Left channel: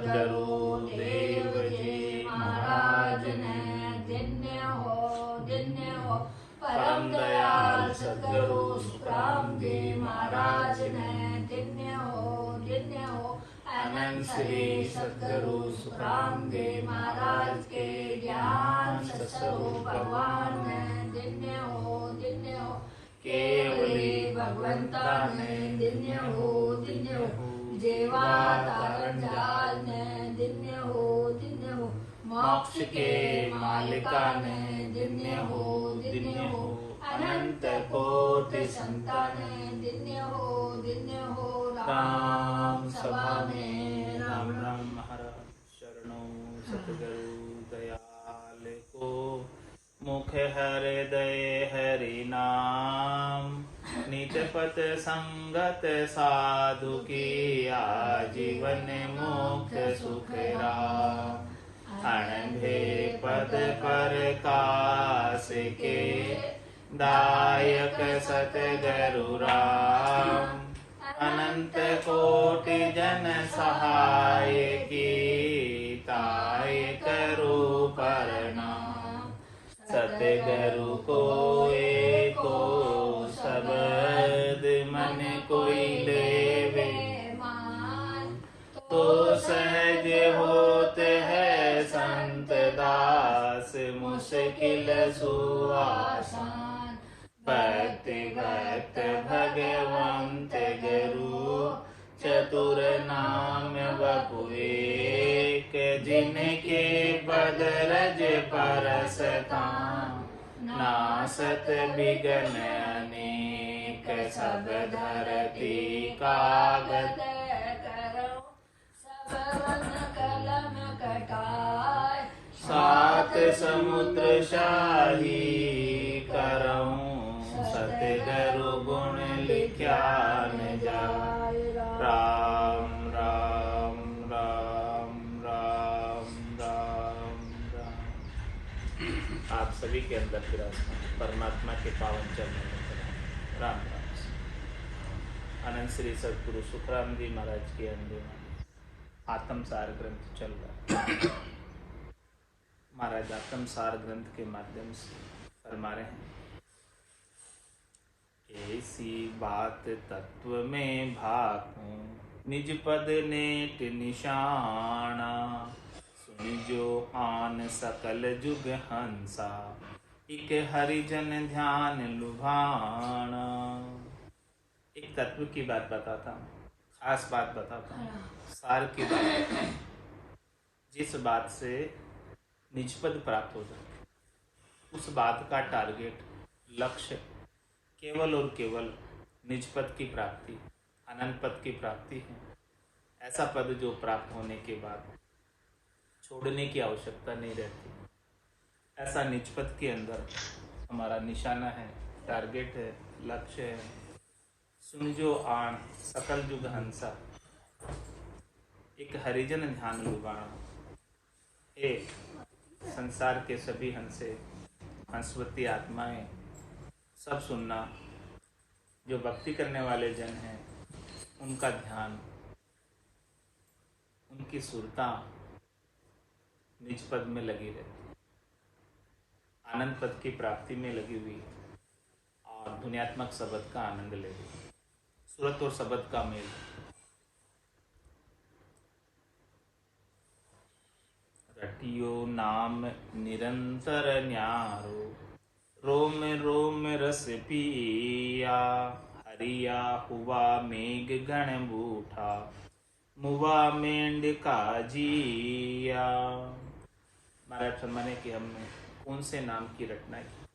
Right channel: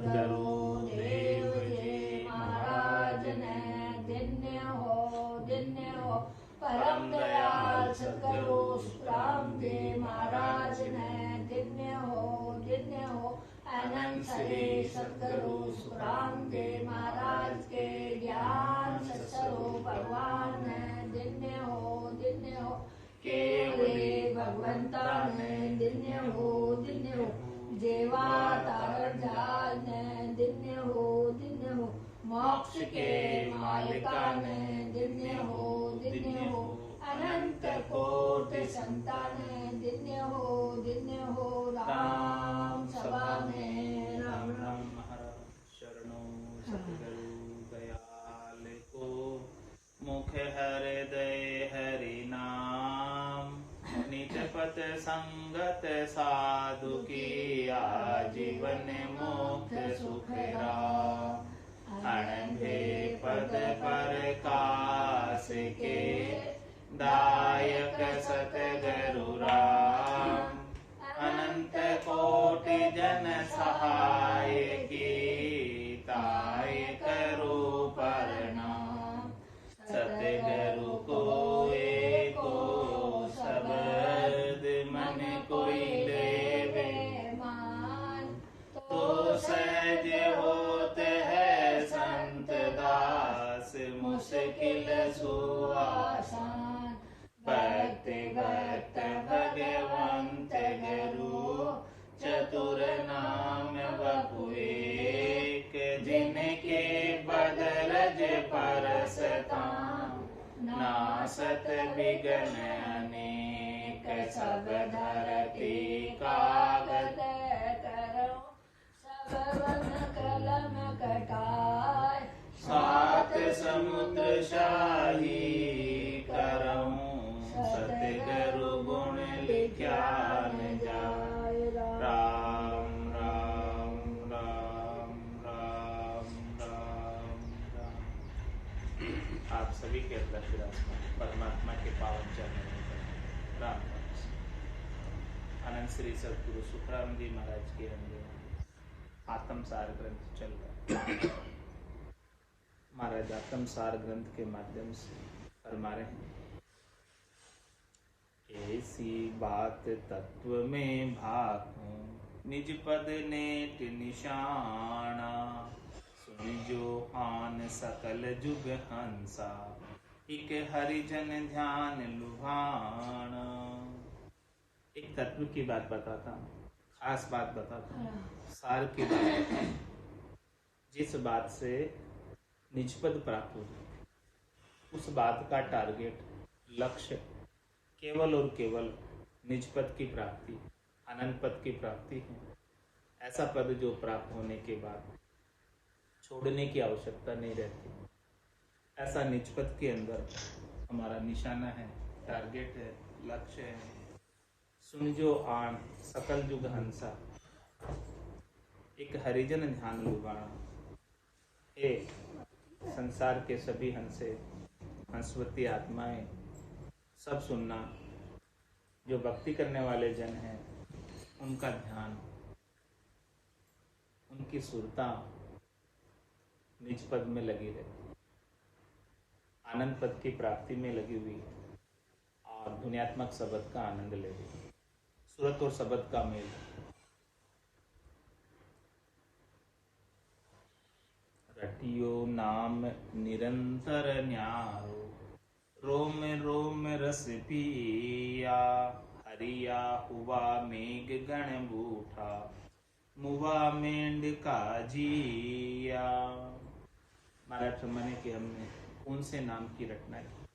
सद्गुरु देव जी महाराज ने धन्य हो परम दयाल सद्गुरु सुखराम जी महाराज ने धन्य हो अनंत श्री सद्गुरु सुखराम जी महाराज के ज्ञान स्वरूप भगवान ने धन्य हो केवली भगवंता ने धन्य हो जेवा तारण जाल ने धन्य हो मोक्ष के मालिका ने धन्य हो अनंत कोटि संतान धन्य हो राम सभा में राम राम महाराज शरणों सतगुरु दयाल को मुख हृदय हरि नाम नित पत संगत साधु की आजीवन मुक्त सुख राम अणभे पद पर कास के दायक सतगुरु राम अनंत कोटि जन सहाय की ताय करो प्रणाम सतगुरु को एको शब्द मन कोई लेवे तो सहज होते है संत दास मुश्किल सुआसान भक्त भगवंत गुरु चतुर नाम बपु एक जिनके बदरज परस नासत बिगन अनेक सब धरती कागज कलम कटाय सात समुद्र शाही करऊं सतगुरु गुण लिख्या न जाय राम राम राम राम राम राम। आप सभी के अंदर विराजमान परमात्मा के पावन चरण राम राम। अनंत श्री सद्गुरु सुखराम जी महाराज के अंदर आत्मसार ग्रंथ चल रहा है। महाराज आत्मसार ग्रंथ के माध्यम से फरमा रहे हैं, ऐसी बात तत्व में भाकूं निज पद नेट निशाना सुनि जो आन सकल जुग हंसा एक हरिजन ध्यान लुभाना। एक तत्व की बात बताता हूँ, खास बात बताता हूँ, सार की बात बताता हूँ, जिस बात से निज पद प्राप्त हो सके, उस बात का टारगेट लक्ष्य केवल और केवल निज पद की प्राप्ति, अनंत पद की प्राप्ति है। ऐसा पद जो प्राप्त होने के बाद छोड़ने की आवश्यकता नहीं रहती, ऐसा निज पद के अंदर हमारा निशाना है, टारगेट है, लक्ष्य है। सुन जो आण सकल जुग हंसा एक हरिजन ध्यान लुभाना। हे संसार के सभी हंसे, हंसवती आत्माएं, सब सुनना। जो भक्ति करने वाले जन हैं उनका ध्यान, उनकी सुरता निज पद में लगी रहती, आनंद पद की प्राप्ति में लगी हुई है और ध्वन्यात्मक शब्द का आनंद ले रही है। सूरत और शब्द का मेल। रटियो नाम निरंतर न्यारो रोम रोम रस पिया हरिया हुआ मेघ गण बूठा मुआ मेंढ का जिया। महाराज फरमाने कि हमने कौन से नाम की रटना की।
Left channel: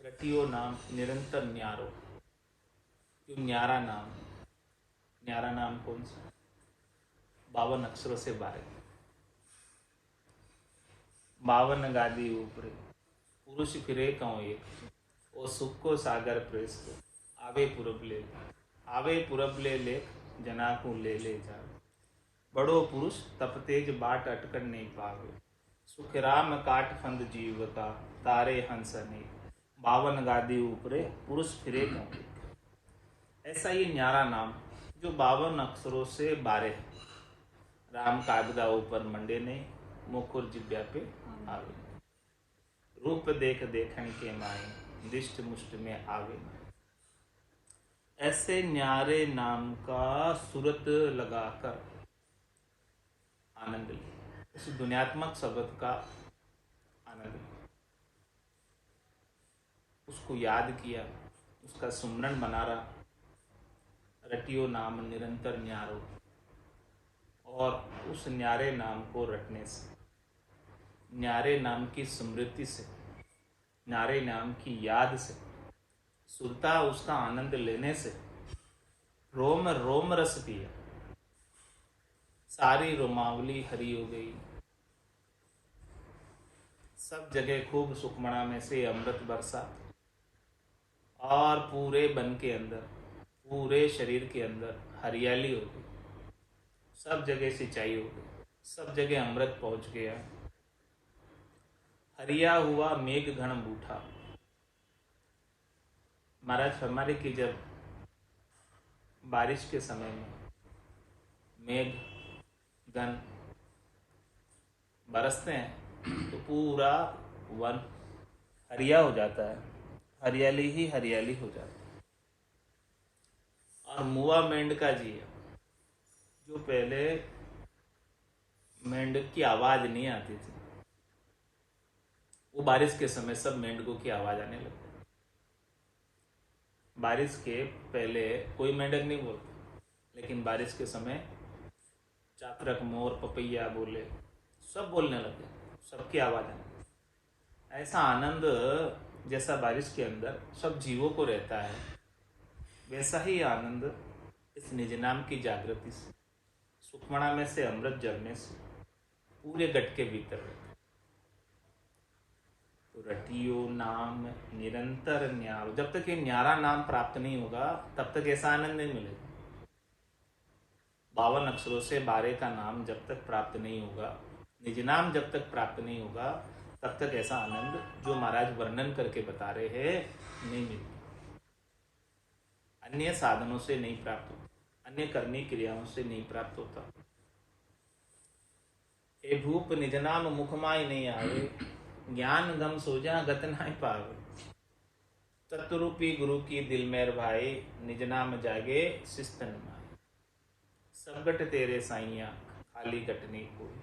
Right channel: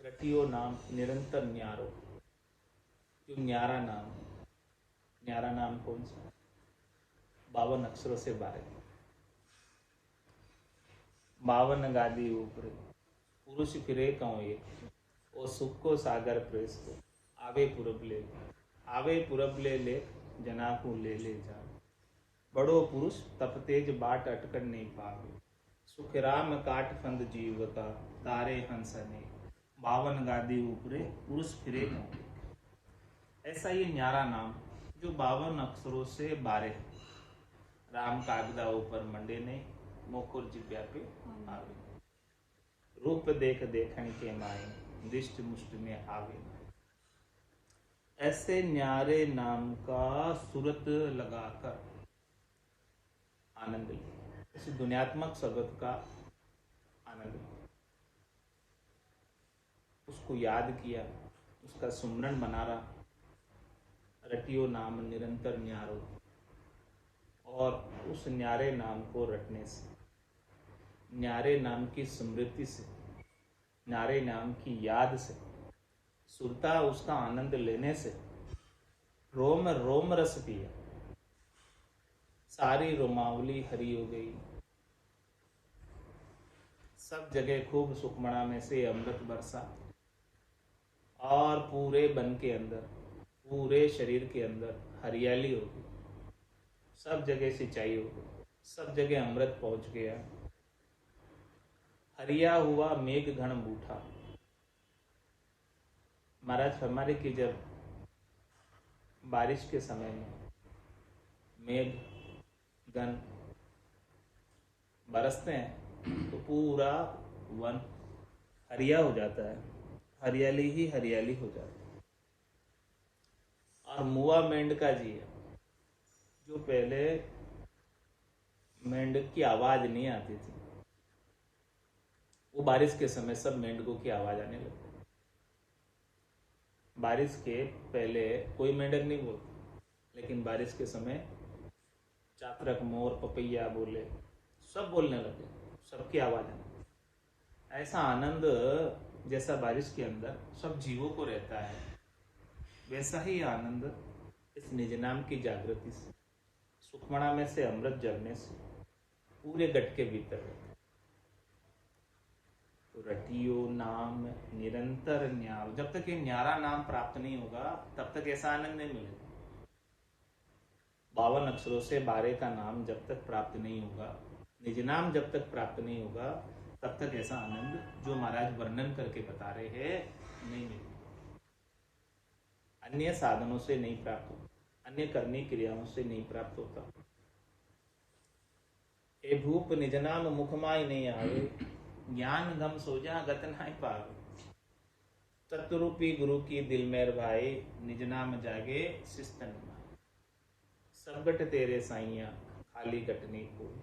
रटियो नाम निरंतर न्यारो, जो न्यारा नाम, न्यारा नाम कौन सा? 52 अक्षरों से 52 गादी ऊपरे पुरुष फिरे कहो एक ओ सुख को सागर प्रेस को आवे पूरब ले लेख जना को ले जा। बड़ो पुरुष तप तेज बाट अटकर नहीं पावे सुख राम काट फंद जीव का तारे हंस अनेक 52 गादी ऊपरे पुरुष फिरे कहो। ऐसा ये न्यारा नाम जो 52 अक्षरों से 12 राम कागदा ऊपर मंडे ने, मुकुर जिब्या पे आवे। रूप देख देखन के माए, दिष्ट मुष्ट में आवे। ऐसे न्यारे नाम का सूरत लगाकर आनंद लिया, उस दुनियात्मक शब्द का आनंद लिया, उसको याद किया, उसका सुमरन बना रहा। रटियो नाम निरंतर न्यारो, और उस न्यारे नाम को रटने से, न्यारे नाम की स्मृति से, न्यारे नाम की याद से, सुरता उसका आनंद लेने से रोम रोम रस पिया, सारी रोमावली हरी हो गई। सब जगह खूब सुखमणा में से अमृत बरसा, और पूरे बन के अंदर, पूरे शरीर के अंदर हरियाली हो गई। सब जगह सिंचाई हो गई, सब जगह अमृत पहुंच गया। हरिया हुआ मेघ घन बूठा। महाराज फरमारे कि जब बारिश के समय में मेघ गन बरसते हैं तो पूरा वन हरिया हो जाता है, हरियाली ही हरियाली हो जाती है। और मुआ मेंढका जी है, जो पहले मेंढक की आवाज नहीं आती थी, वो बारिश के समय सब मेंढकों की आवाज आने लगती। बारिश के पहले कोई मेंढक नहीं बोलता, लेकिन बारिश के समय चातरक, मोर, पपैया बोले, सब बोलने लगे, सबकी आवाज आने लगी। ऐसा आनंद जैसा बारिश के अंदर सब जीवों को रहता है, वैसा ही आनंद इस निज नाम की जागृति से, सुखमणा में से अमृत जरने से पूरे गट के भीतर रहता है। तो रटियो नाम निरंतर न्यारो, जब तक ये न्यारा नाम प्राप्त नहीं होगा तब तक ऐसा आनंद नहीं मिलेगा। 52 अक्षरों से 12 का नाम जब तक प्राप्त नहीं होगा, निज नाम जब तक प्राप्त नहीं होगा, तब तक ऐसा आनंद जो महाराज वर्णन करके बता रहे हैं नहीं मिलेगा। अन्य साधनों से नहीं प्राप्त होता, अन्य करनी क्रियाओं से नहीं प्राप्त होता। हे भूप निज नाम मुखमाय नहीं आवे, ज्ञान गम सोजा गत नहीं पावे। तत्वरूपी गुरु की दिल मेर भाई, निज नाम जागे सिस्तन भाई। सब गट तेरे साइया, खाली गटने कोई,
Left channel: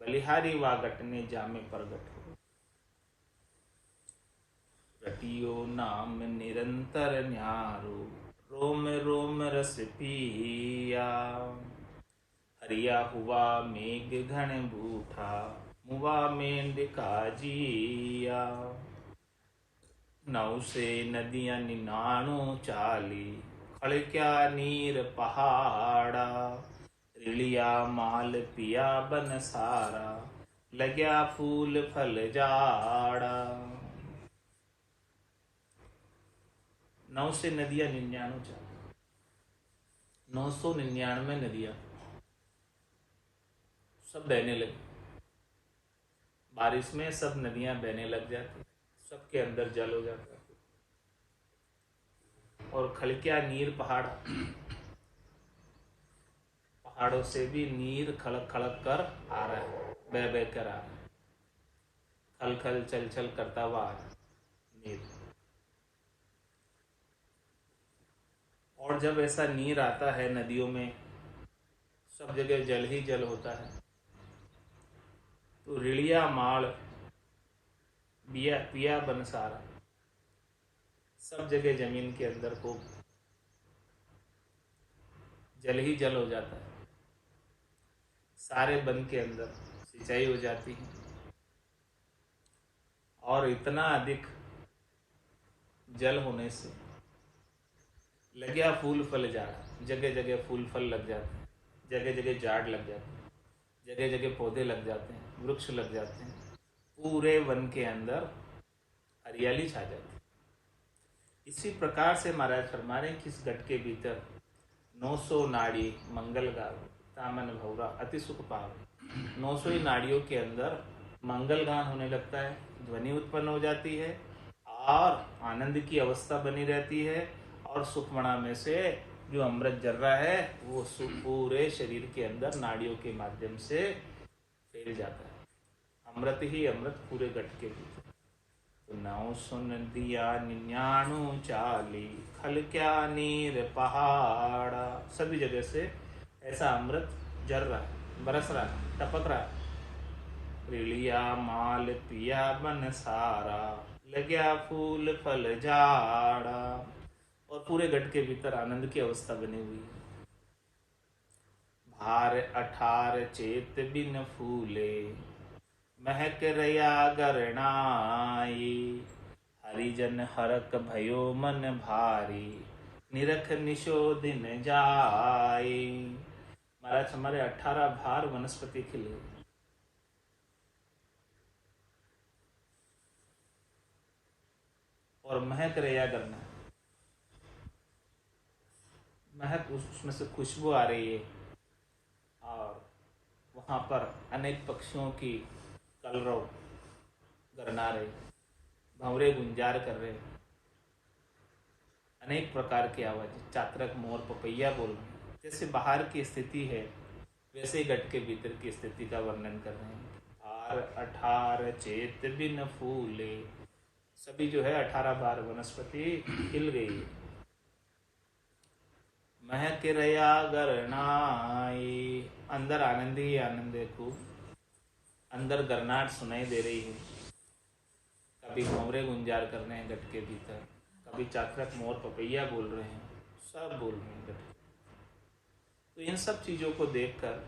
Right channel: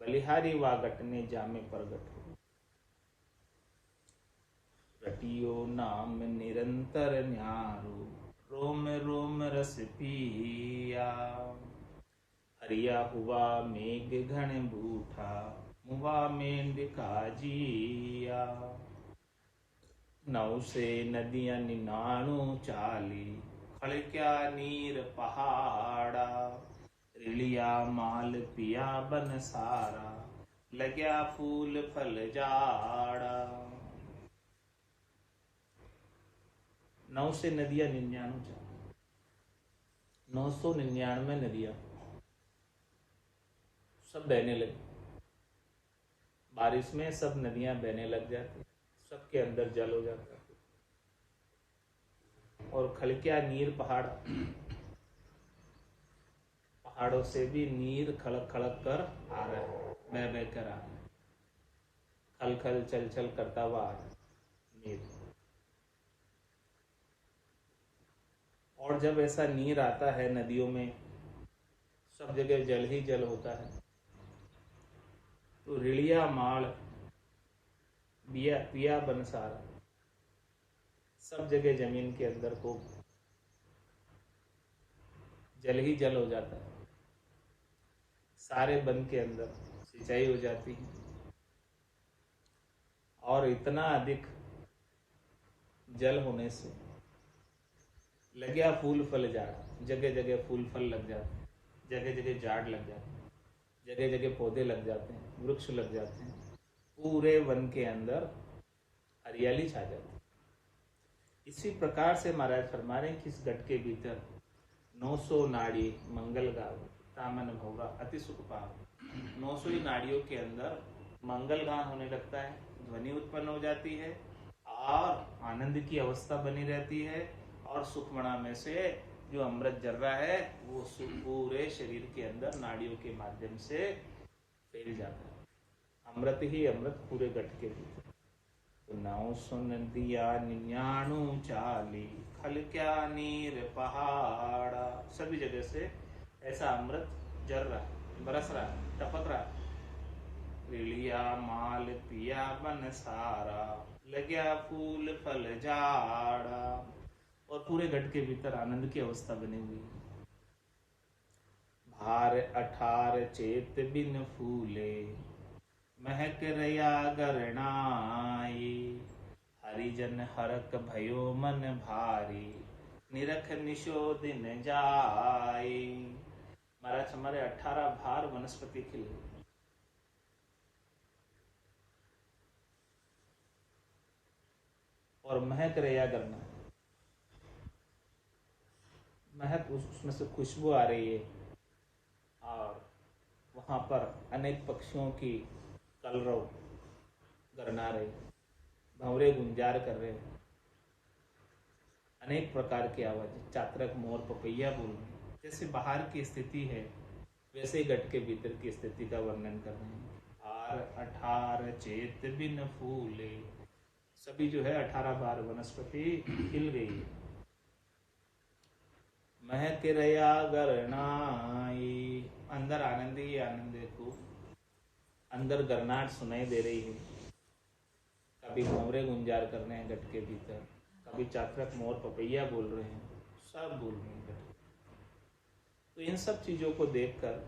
बलिहारी वा गटने जामे प्रगट हो। रटियो नाम निरंतर न्यारो, रोम रोम रस पिया। हरिया हुआ मेघ घन बूठा, मुआ मेंढका जिया। नौ से नदियां निनाणु चाली, खड़क्या नीर पहाड़ा। रिलिया माल पिया बन सारा, लग्या फूल फल जाड़ा। 9 से नदियां 99 चाली, 999 नदियां सब बहने लगी। बारिश में सब नदियां बहने लग जाती, सबके अंदर जल हो जाता। और खड़क्या नीर पहाड़, पहाड़ों से भी नीर खड़क खड़क कर आ रहा है, बह बह कर आ रहा है, खल खल चल चल करता हुआ आ रहा है नीर। और जब ऐसा नीर आता है नदियों में, सब जगह जल ही जल होता है, तो रिड़िया माड़ बिया पिया बन सारा, सब जगह जमीन के अंदर को जल ही जल हो जाता है। सारे वन के अंदर सिंचाई हो जाती है, और इतना अधिक जल होने से लग्या फूल फल जाड़ा, जगह जगह फूल फल लग जाते हैं, जगह जगह झाड़ लग जाते हैं, जगह जगह पौधे लग जाते हैं, वृक्ष लग जाते हैं, पूरे वन के अंदर हरियाली छा जाती है। इसी प्रकार से महाराज फरमा रहे हैं कि इस गट के भीतर 900 नाड़ी मंगल गावे, तामन भौरा अति सुख पावे। 900 ही नाड़ियों के अंदर मंगल गान होने लगता है, ध्वनि उत्पन्न हो जाती है, और आनंद की अवस्था बनी रहती है, और सुखमणा में से जो अमृत जल रहा है वो पूरे शरीर के अंदर नाड़ियों के माध्यम से फैल जाता है। अमृत ही अमृत पूरे घट के भीतर। तो नाउ सुन दिया 99 खल क्या नीर पहाड़ा, सभी जगह से ऐसा अमृत जल रहा है, बरस रहा है, टपक रहा है। रिलिया माल पिया बन सारा, लग्या फूल फल झाड़ा, और पूरे घट के भीतर आनंद की अवस्था बनी हुई है। भार 18 चेत बिन फूले, महक रया गरणाई, हरिजन हरक भयो मन भारी, निरख निशोदिन जाई। महाराज हमारे 18 भार वनस्पति खिले, और महक रया करना, महक उसमें से खुशबू आ रही है, और वहाँ पर अनेक पक्षियों की कलरव गरना रहे, भंवरे गुंजार कर रहे, अनेक प्रकार की आवाज, चातरक मोर पपैया बोल रहे। जैसे बाहर की स्थिति है वैसे ही घट के भीतर की स्थिति का वर्णन कर रहे हैं। भार 18 चेत बिन फूले, सभी जो है 18 बार वनस्पति हिल गई। महक रया गरनाई, अंदर आनंद ही आनंद है खूब, अंदर गरनाट सुनाई दे रही है। कभी भंवरे गुंजार कर रहे हैं घट के भीतर, कभी चातरक मोर पपैया बोल रहे हैं, सब बोल रहे हैं घट। तो इन सब चीज़ों को देखकर,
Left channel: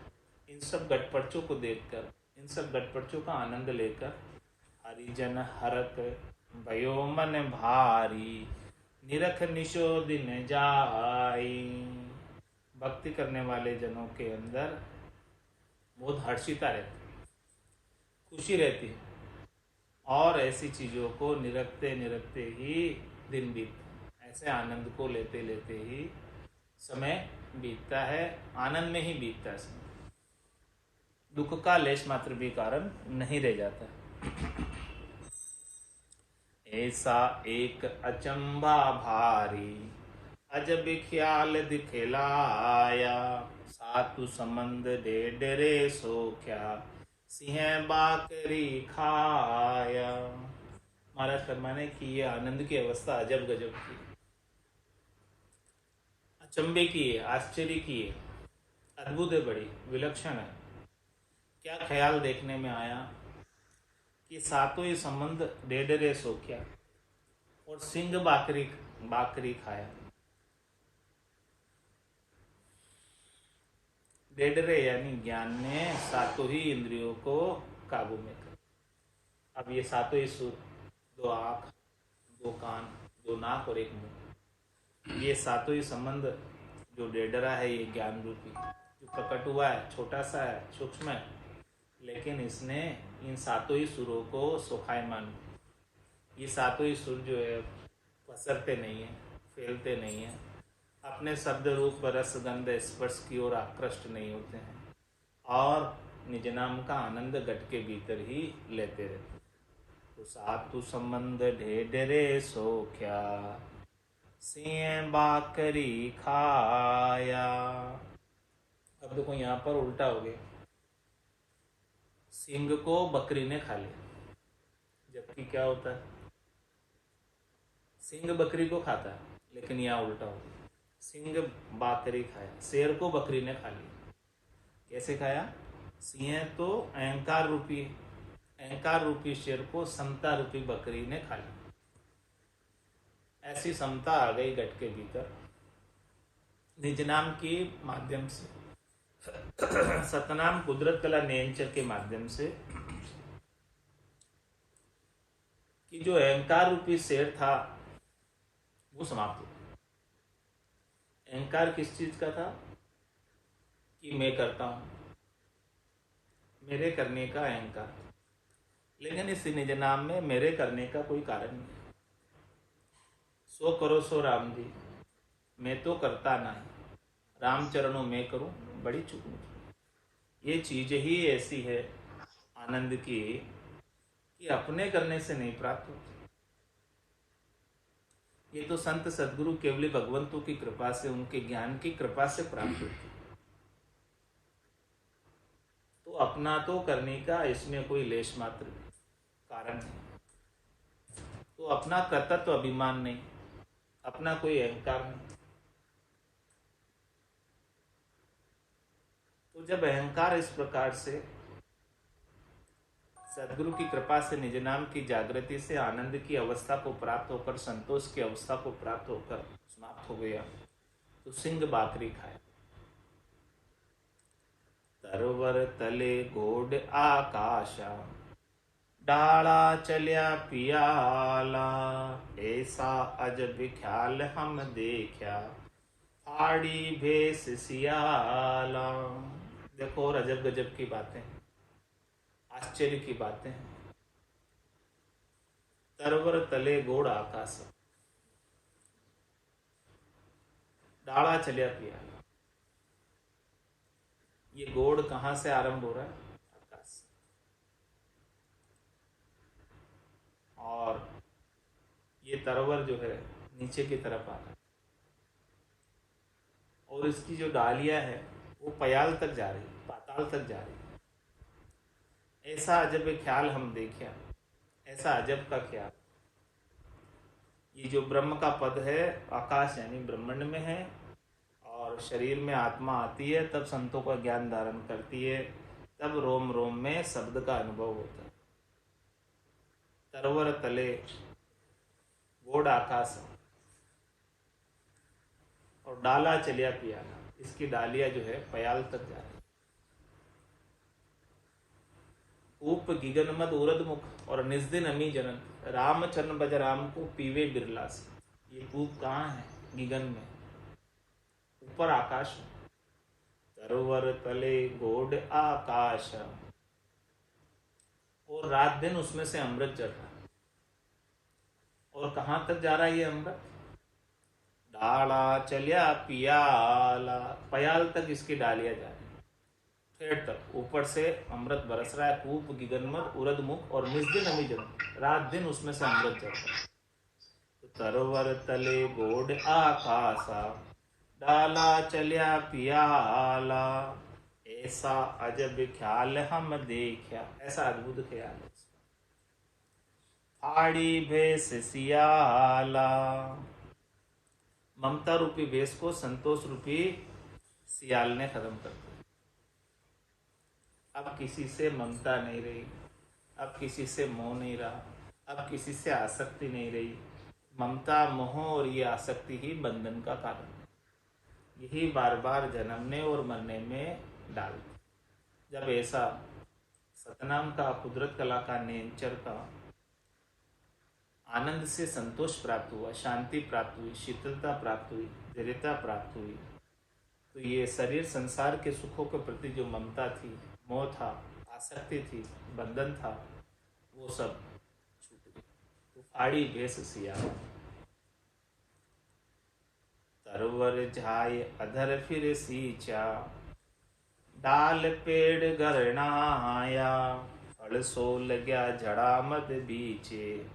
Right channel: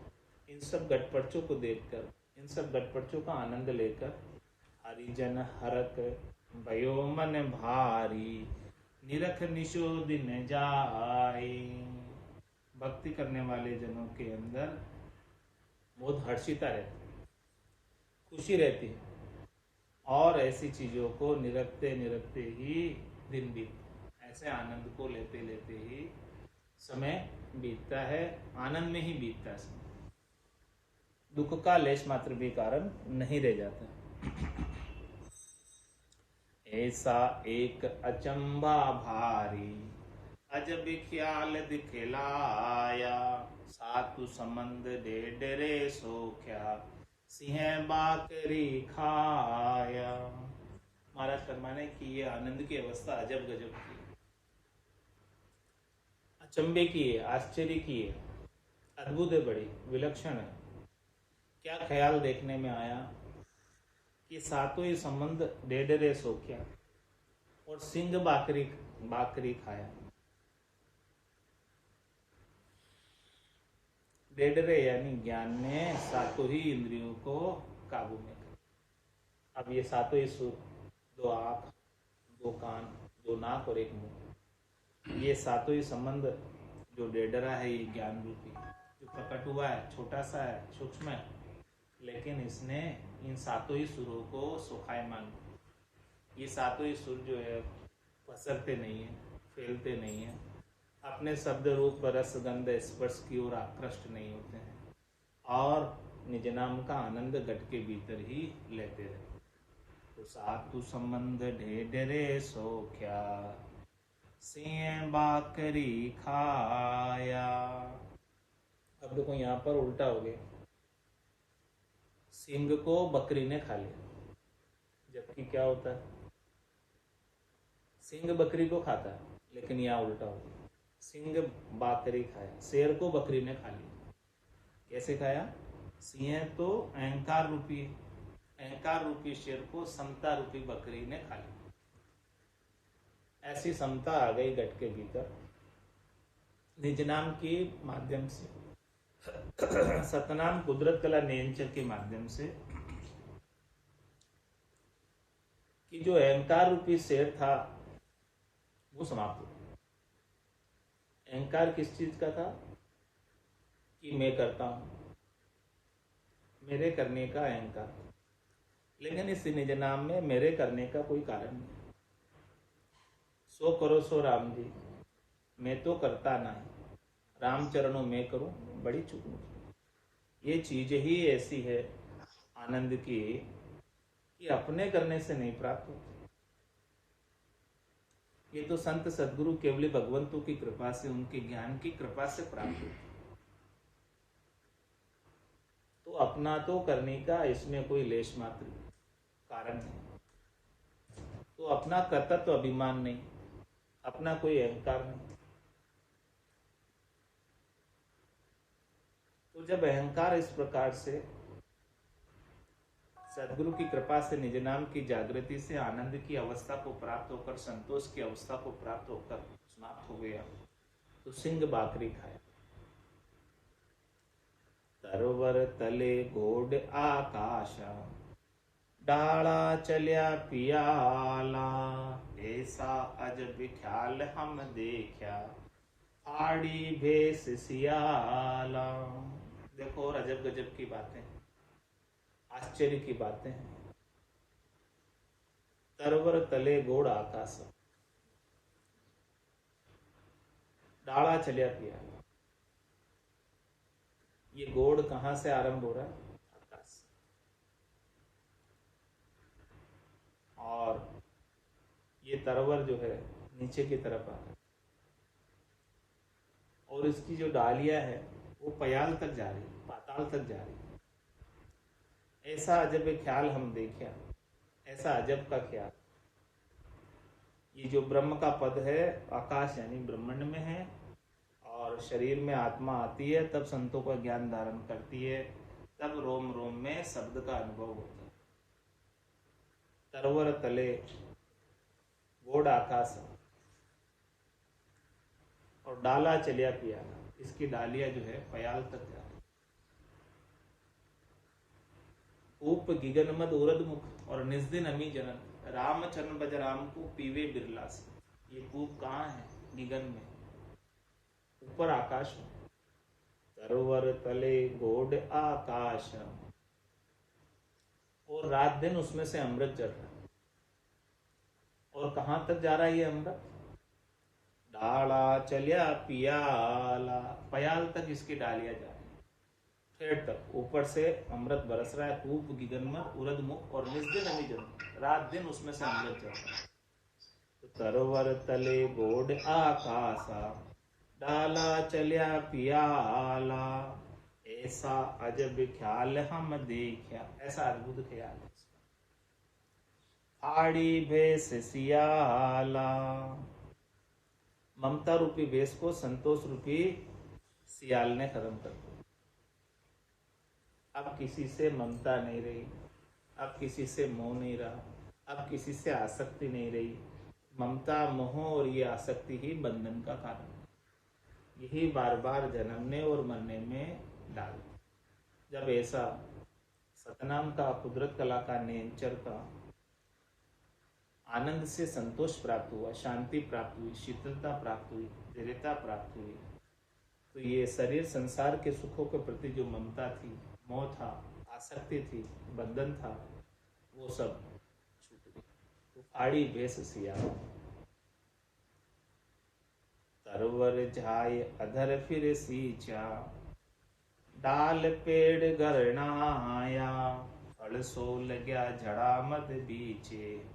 इन सब घटपर्चों को देखकर, इन सब घटपर्चों का आनंद लेकर, हरिजन हरक भयो मन भारी, निरख निशो दिन जाई। भक्ति करने वाले जनों के अंदर बहुत हर्षिता रहती, खुशी रहती है, और ऐसी चीज़ों को निरखते निरखते ही दिन बीतता, ऐसे आनंद को लेते लेते ही समय बीतता है, आनंद में ही बीतता है समय, दुख का लेश मात्र भी कारण नहीं रह जाता। ऐसा एक अचंबा भारी, अजब ख्याल दिखलाया, सातु संबंध डेडरे सो क्या, सिंह बाकरी खाया। महाराज फरमाने की ये आनंद की अवस्था अजब गजब की, अचंबे की है, आश्चर्य की है, अद्भुत है, बड़ी विलक्षण है। क्या ख्याल देखने में आया कि सातों ही संबंध डेडरे सो क्या, और सिंह बाकरी खाया। डेडरे यानी ज्ञान ने सातों ही इंद्रियों को काबू में कर। अब ये सातों ही सुर, 2 आँख, 2 कान, 2 नाक और 1 मुंह, ये सातों ही संबंध जो डेडरा है, ये ज्ञान रूपी जो प्रकट हुआ है, छोटा सा है, सूक्ष्म है, लेकिन इसने इन सातों ही सुरों को सोखायमान। ये सातों ही सुर जो है पसरते नहीं है, फैलते नहीं है, अपने शब्द रूप रस गंध स्पर्श की ओर आकृष्ट नहीं होते हैं, और निज नाम का आनंद घट के भीतर ही लेते रहते। तो सातु संबंध ढेडरे सो क्या, सिंह बाकरी खाया। अब देखो यहाँ पर उल्टा हो गया, सिंह को बकरी ने खा लिया, जबकि क्या होता है, सिंह बकरी को खाता है, लेकिन यहाँ उल्टा हो गया, सिंह बाकरी खाया, शेर को बकरी ने खा लिया। कैसे खाया? सिंह तो अहंकार रूपी है, अहंकार रूपी शेर को समता रूपी बकरी ने खा लिया। ऐसी समता आ गई घट के भीतर निज नाम के माध्यम से, सतनाम कुदरत कला नियंचर के माध्यम से, कि जो अहंकार रूपी शेर था वो समाप्त हो गया। अहंकार किस चीज का था? कि मैं करता हूं, मेरे करने का अहंकार। लेकिन इस निज नाम में मेरे करने का कोई कारण नहीं। सो करो सो राम जी, मैं तो करता नहीं, राम चरणों में करूं बड़ी चूक मुझे। ये चीज ही ऐसी है आनंद की कि अपने करने से नहीं प्राप्त होती। ये तो संत सद्गुरु केवल भगवंतों की कृपा से, उनके ज्ञान की कृपा से प्राप्त होती है। तो अपना तो करने का इसमें कोई लेश मात्र कारण नहीं। तो अपना कर्तृत्व अभिमान नहीं, अपना कोई अहंकार नहीं। तो जब अहंकार इस प्रकार से सदगुरु की कृपा से निज नाम की जागृति से आनंद की अवस्था को प्राप्त होकर, संतोष की अवस्था को प्राप्त होकर समाप्त हो गया, तो सिंह बाकरी खाया। तरवर तले गोड आकाशा, डाला चलिया पियाला, ऐसा अजब ख्याल हम देखा, आड़ी भेस सियाला। देखो और अजब गजब की बातें, आश्चर्य की बातें हैं। तरवर तले गोड़ आकाश, डाला चलिया पियाला। ये गोड़ कहां से आरंभ हो रहा है? आकाश से। और ये तरवर जो है नीचे की तरफ आ रहा है, और इसकी जो डालियां है वो पयाल तक जा रही है, पाताल तक जा रही है। ऐसा अजब ख्याल हम देखा, ऐसा अजब का ख्याल। ये जो ब्रह्म का पद है, आकाश यानी ब्रह्मांड में है, और शरीर में आत्मा आती है, तब संतों का ज्ञान धारण करती है, तब रोम रोम में शब्द का अनुभव होता है। तरवर तले गोड़ आकाश, और डाला चलिया पियाला, इसकी डालियां जो है पयाल तक जा रही। ऊप गिगन मद उरद मुख, और निस्दिन अमी जनन, रामचरण बज राम को पीवे बिरला से। ये ऊप कहाँ है? गिगन में, ऊपर आकाश में। तरवर तले गोड आकाश, और रात दिन उसमें से अमृत चढ़ रहा है। और कहाँ तक जा रहा है ये अमृत? डाला चलिया पियाला, पयाल तक इसकी डालियां जा रही, ठेठ तक ऊपर से अमृत बरस रहा है। कूप गिगनमद उरद मुख, और निस्दिन अमी जन, रात दिन उसमें से अमृत चढ़ रहा है। तो तरवर तले गोड आकाशा, डाला चलिया पियाला, ऐसा अजब ख्याल हम देखा। ऐसा अद्भुत ख्याल, आड़ी भेस सियाला। ममता रूपी भेष को संतोष रूपी सियाल ने खत्म कर दिया। अब किसी से ममता नहीं रही, अब किसी से मोह नहीं रहा, अब किसी से आसक्ति नहीं रही। ममता, मोह और ये आसक्ति ही बंधन का कारण है। यही बार बार जन्मने और मरने में डालती। जब ऐसा सतनाम का, कुदरत कला का, नेचर का आनंद से संतोष प्राप्त हुआ, शांति प्राप्त हुई, शीतलता प्राप्त हुई, धैर्यता प्राप्त हुई, तो ये शरीर संसार के सुखों के प्रति जो ममता थी, मोह था, आसक्ति थी, बंधन था, वो सब छूट गया। तो आड़ी भेस सिया, तरवर झाय अधर फिर सींचा, डाल पेड़ गरनाया, फल सो लग्या झड़ा मद बीचे,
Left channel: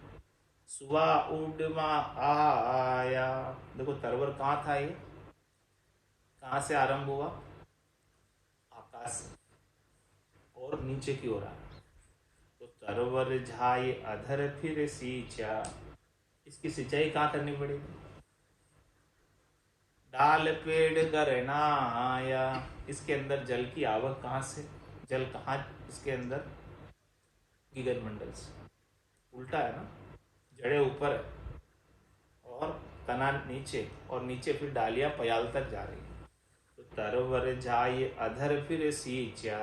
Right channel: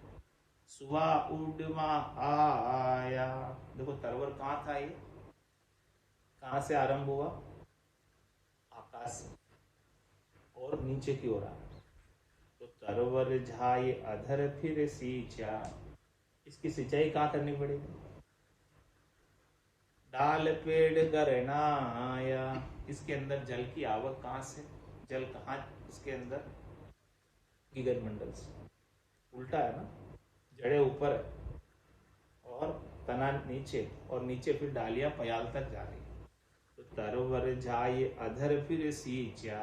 सुवा उडमा आया। देखो तरवर कहाँ था, ये कहाँ से आरंभ हुआ? आकाश से, और नीचे की ओर आ। तो तरवर झाई अधर फिर सींचा, इसकी सिंचाई कहाँ करनी पड़ेगी? डाल पेड़ गरनाया, इसके अंदर जल की आवक कहाँ से? जल कहाँ इसके अंदर? गिगन मंडल से। उल्टा है ना, जड़ें ऊपर है और तना नीचे, और नीचे फिर डालियां पयाल तक जा रही है। तो तरवर झाई अधर फिर सींचा,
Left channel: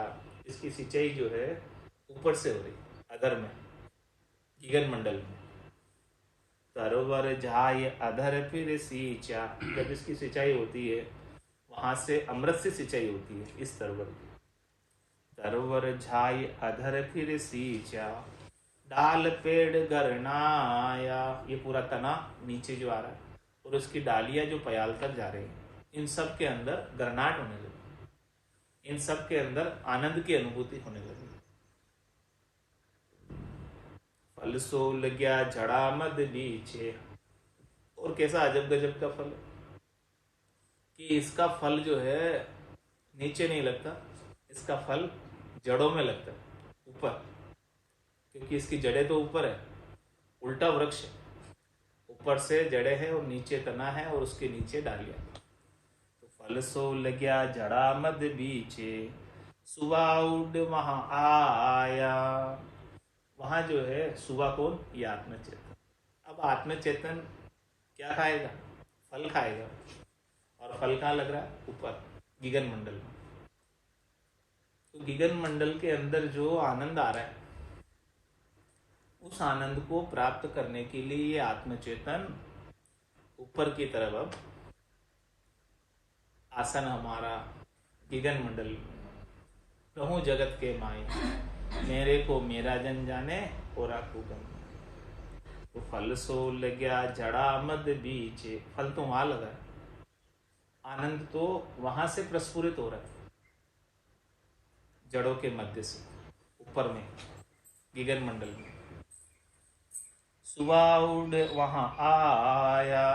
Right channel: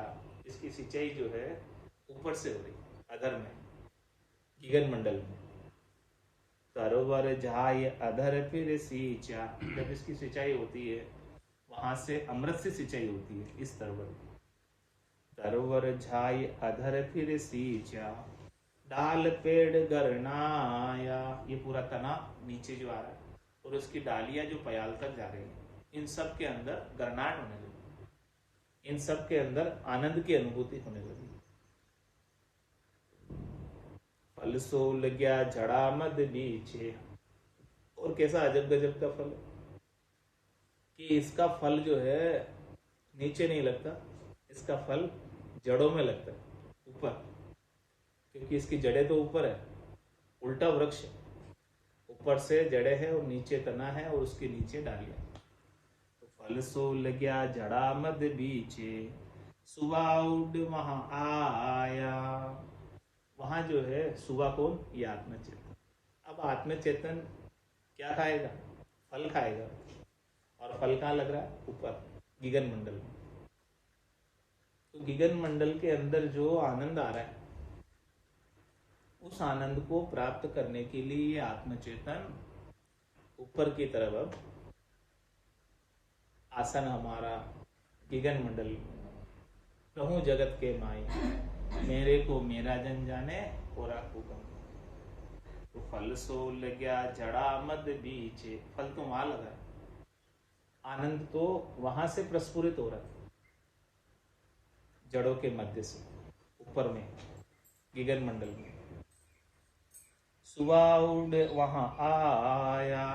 इसकी सिंचाई जो है ऊपर से हो रही, अधर में, गिगन मंडल में। तरवर झाई अधर फिर सींचा, जब इसकी सिंचाई होती है वहां से अमृत से सिंचाई होती है इस तरवर की। तरवर झाई अधर फिर सींचा, डाल पेड़ गरनाया, ये पूरा तना नीचे जो आ रहा है, और उसकी डालियां जो पयाल तक जा रही है, इन सब के अंदर गरनाट होने लगी, इन सब के अंदर आनंद की अनुभूति होने लगी। फल सो लग्या झड़ा मद बीचे, और कैसा अजब गजब का फल है कि इसका फल जो है नीचे नहीं लगता, इसका फल जड़ों में लगता है, ऊपर, क्योंकि इसकी जड़ें तो ऊपर है, उल्टा वृक्ष है, ऊपर से जड़ें है और नीचे तना है और उसके नीचे डालियां। तो फल सो लग्या जड़ा मद बीचे, सुबह उड वहां आया। वहां जो है सुबह कौन? ये आत्मचेतन। अब आत्मचेतन क्या खाएगा? फल खाएगा। और फल कहाँ लग रहा है? ऊपर गगन मंडल में। तो गगन मंडल के अंदर जो आनंद आ रहा है, उस आनंद को प्राप्त करने के लिए ये आत्मचेतन ऊपर की तरफ अब आसन हमारा गगन मंडल में। कहूँ जगत के माई, मेरे को मेरा जन जाने और आकू कर। तो फल सो लग्या जड़ा मद बीचे, फल तो वहां लगा है, आनंद तो वहां से प्रस्फुरित हो रहा है, जड़ों के मध्य से ऊपर में गगन मंडल में। सुबह उड़ वहां आया।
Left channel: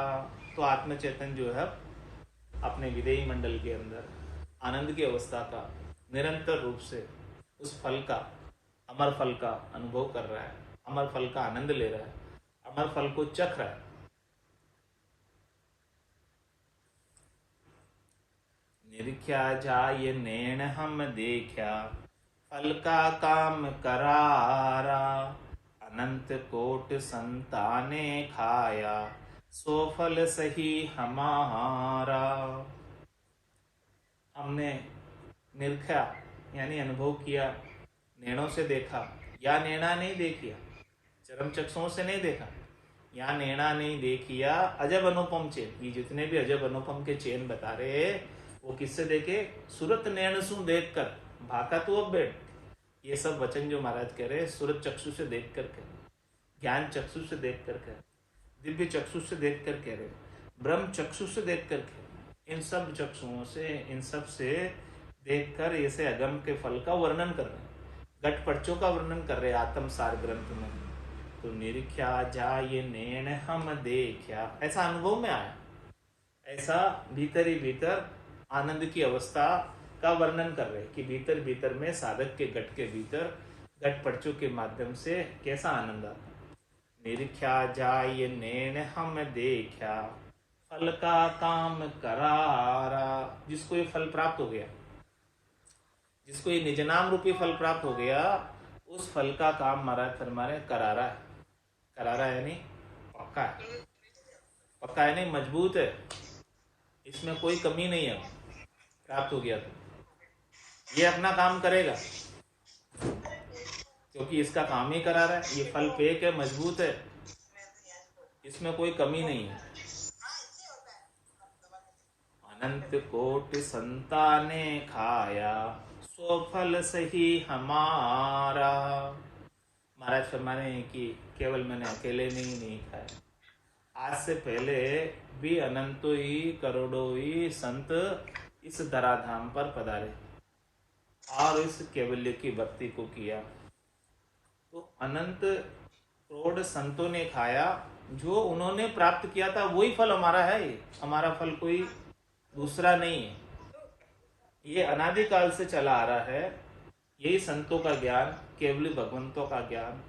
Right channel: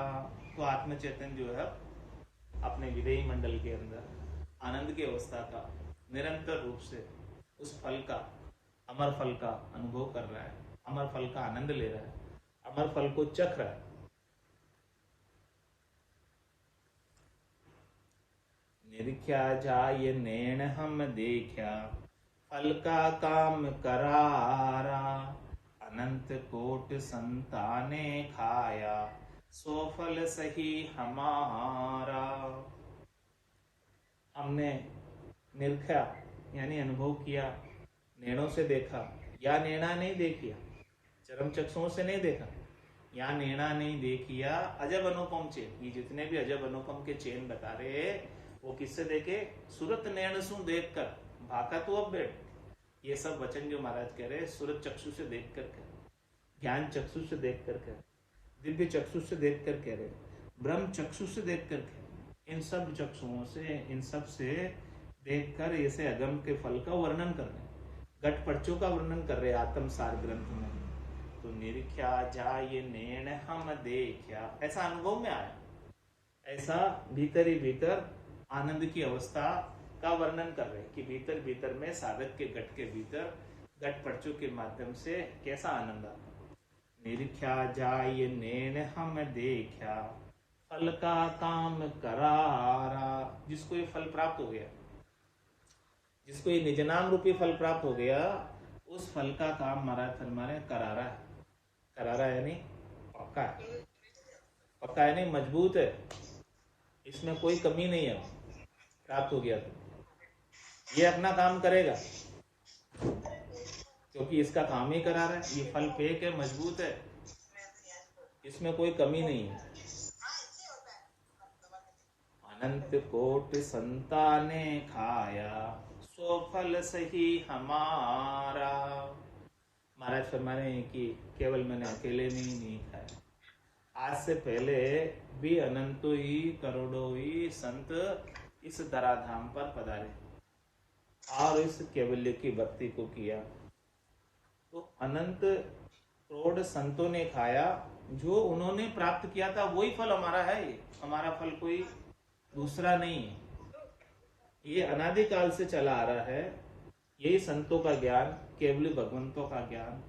तो आत्मचेतन जो है अपने विदेही मंडल के अंदर आनंद की अवस्था का निरंतर रूप से उस फल का, अमर फल का अनुभव कर रहा है, अमर फल का आनंद ले रहा है, अमर फल को चख रहा है। निरख्या जाय नैन हम देखा, फल का काम करारा, अनंत कोट संताने खाया, सो फल सही हमारा। हमने निरखा यानी अनुभव किया, नैनों से देखा, या नैना नहीं देखिया, चरम चक्षुओं से नहीं देखा, या नैना नहीं देखिया, अजब अनुपम चेन। ये जितने भी अजब अनुपम के चेन बता रहे वो किससे देखे? सुरत नैन सु देख कर भाका तू अब बैठ। ये सब वचन जो महाराज कह रहे सूरत चक्षु से देख कर कह रहे, ज्ञान चक्षु से देख कर कह रहे, दिव्य चक्षु से देख कर कह रहे, ब्रह्म चक्षु से देख कर कह रहे। इन सब चक्षुओं से, इन सब से देख कर ऐसे अगम के फल का वर्णन कर रहे, घट पर्चों का वर्णन कर रहे आत्म सार ग्रंथ में। तो निरख्या जाय नैन हम देखा, ऐसा अनुभव में आया, ऐसा भीतर ही भीतर आनंद की अवस्था का वर्णन कर रहे कि भीतर भीतर में साधक के घट के भीतर घट पर्चों के माध्यम से कैसा आनंद आता। निरख्या जाय नैन हम देखा, फल का काम करारा। जिसको ये फल प्राप्त हो गया, जिसको ये निज नाम रूपी फल प्राप्त हो गया, उस फल का काम महाराज फरमाने करारा है। करारा यानी पक्का है, पक्का यानी मजबूत है, इसमें कोई कमी नहीं है। प्राप्त हो गया तो ये अपना काम करेगा, क्योंकि इसका काम ही करा रहा है। ये फल पेक है, मजबूत है, इसमें कोई कमी नहीं है। अनंत कोट संताने खाया, सो फल सही हमारा। महाराज फरमाने हैं कि केवल मैंने अकेले में ही नहीं खाया, आज से पहले भी अनंतों ही करोड़ों ही संत इस धराधाम पर पधारे और इस केवल्य की भक्ति को किया। तो अनंत करोड़ संतों ने खाया, जो उन्होंने प्राप्त किया था वही फल हमारा है। ये हमारा फल कोई दूसरा नहीं है, ये अनादिकाल से चला आ रहा है। यही संतों का ज्ञान, केवली भगवंतों का ज्ञान,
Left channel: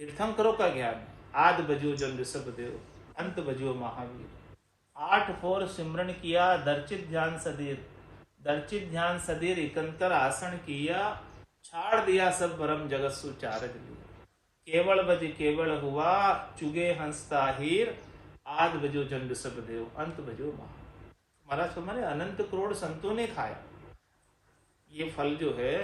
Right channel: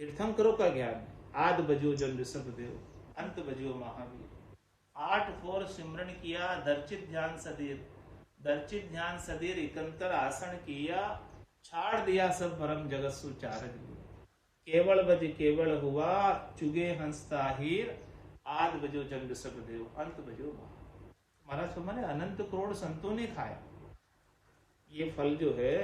तीर्थंकरों का ज्ञान है। आद बजो जन ऋषभ देव, अंत बजो महावीर। 8 फोर सिमरन किया, दर्चित ध्यान सदीर, दर्चित ध्यान सदीर इकंतर आसन किया, छाड़ दिया सब भरम जगत सुचारज लिया। केवल बज केवल हुआ, चुगे हंस ताहिर, आद बजो जन ऋषभ देव, अंत बजो महावीर। महाराज हमारे अनंत करोड़ संतों ने खाया। ये फल जो है,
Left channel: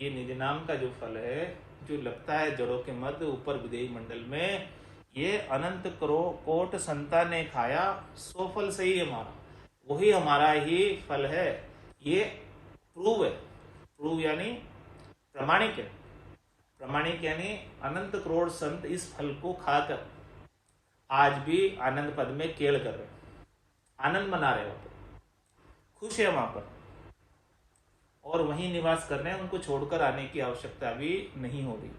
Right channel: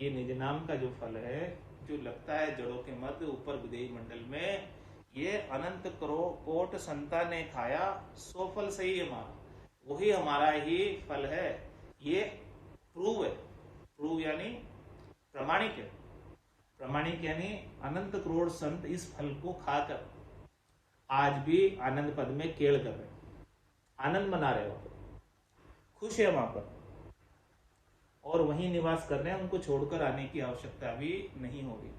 ये निज नाम का जो फल है, जो लगता है जड़ों के मध्य ऊपर विदेही मंडल में, ये अनंत करोड़ कोट संता ने खाया, सो फल सही हमारा, वही हमारा ही फल है। ये प्रूव है, प्रूव यानी प्रमाणिक है। प्रमाणिक यानी अनंत करोड़ संत इस फल को खाकर आज भी आनंद पद में केल कर रहे, आनंद मना रहे, वहां पर खुश है वहां पर, और वहीं निवास कर रहे हैं। उनको छोड़कर आने की आवश्यकता भी नहीं हो रही।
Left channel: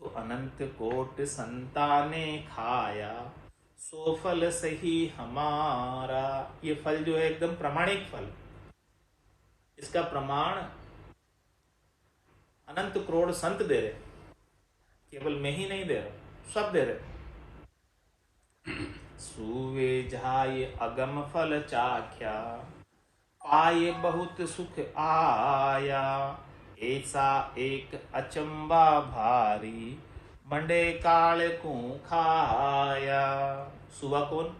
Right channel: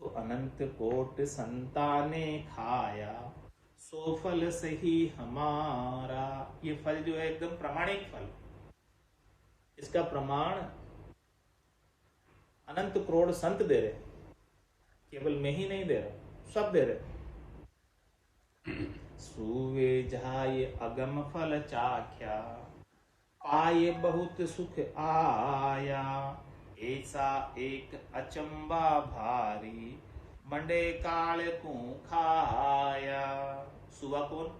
तो अनंत कोट संताने खाया, सो फल सही हमारा। ये फल जो है एकदम प्रामाणिक फल, इसका प्रमाण अनंत करोड़ संत दे रहे, केवल मैं ही नहीं दे रहा, सब दे रहे। सुवे जाय अगम फल चाख्या, पाए बहुत सुख आया, ऐसा एक अचंबा भारी, मंडे काल को खाया। सुवा कौन?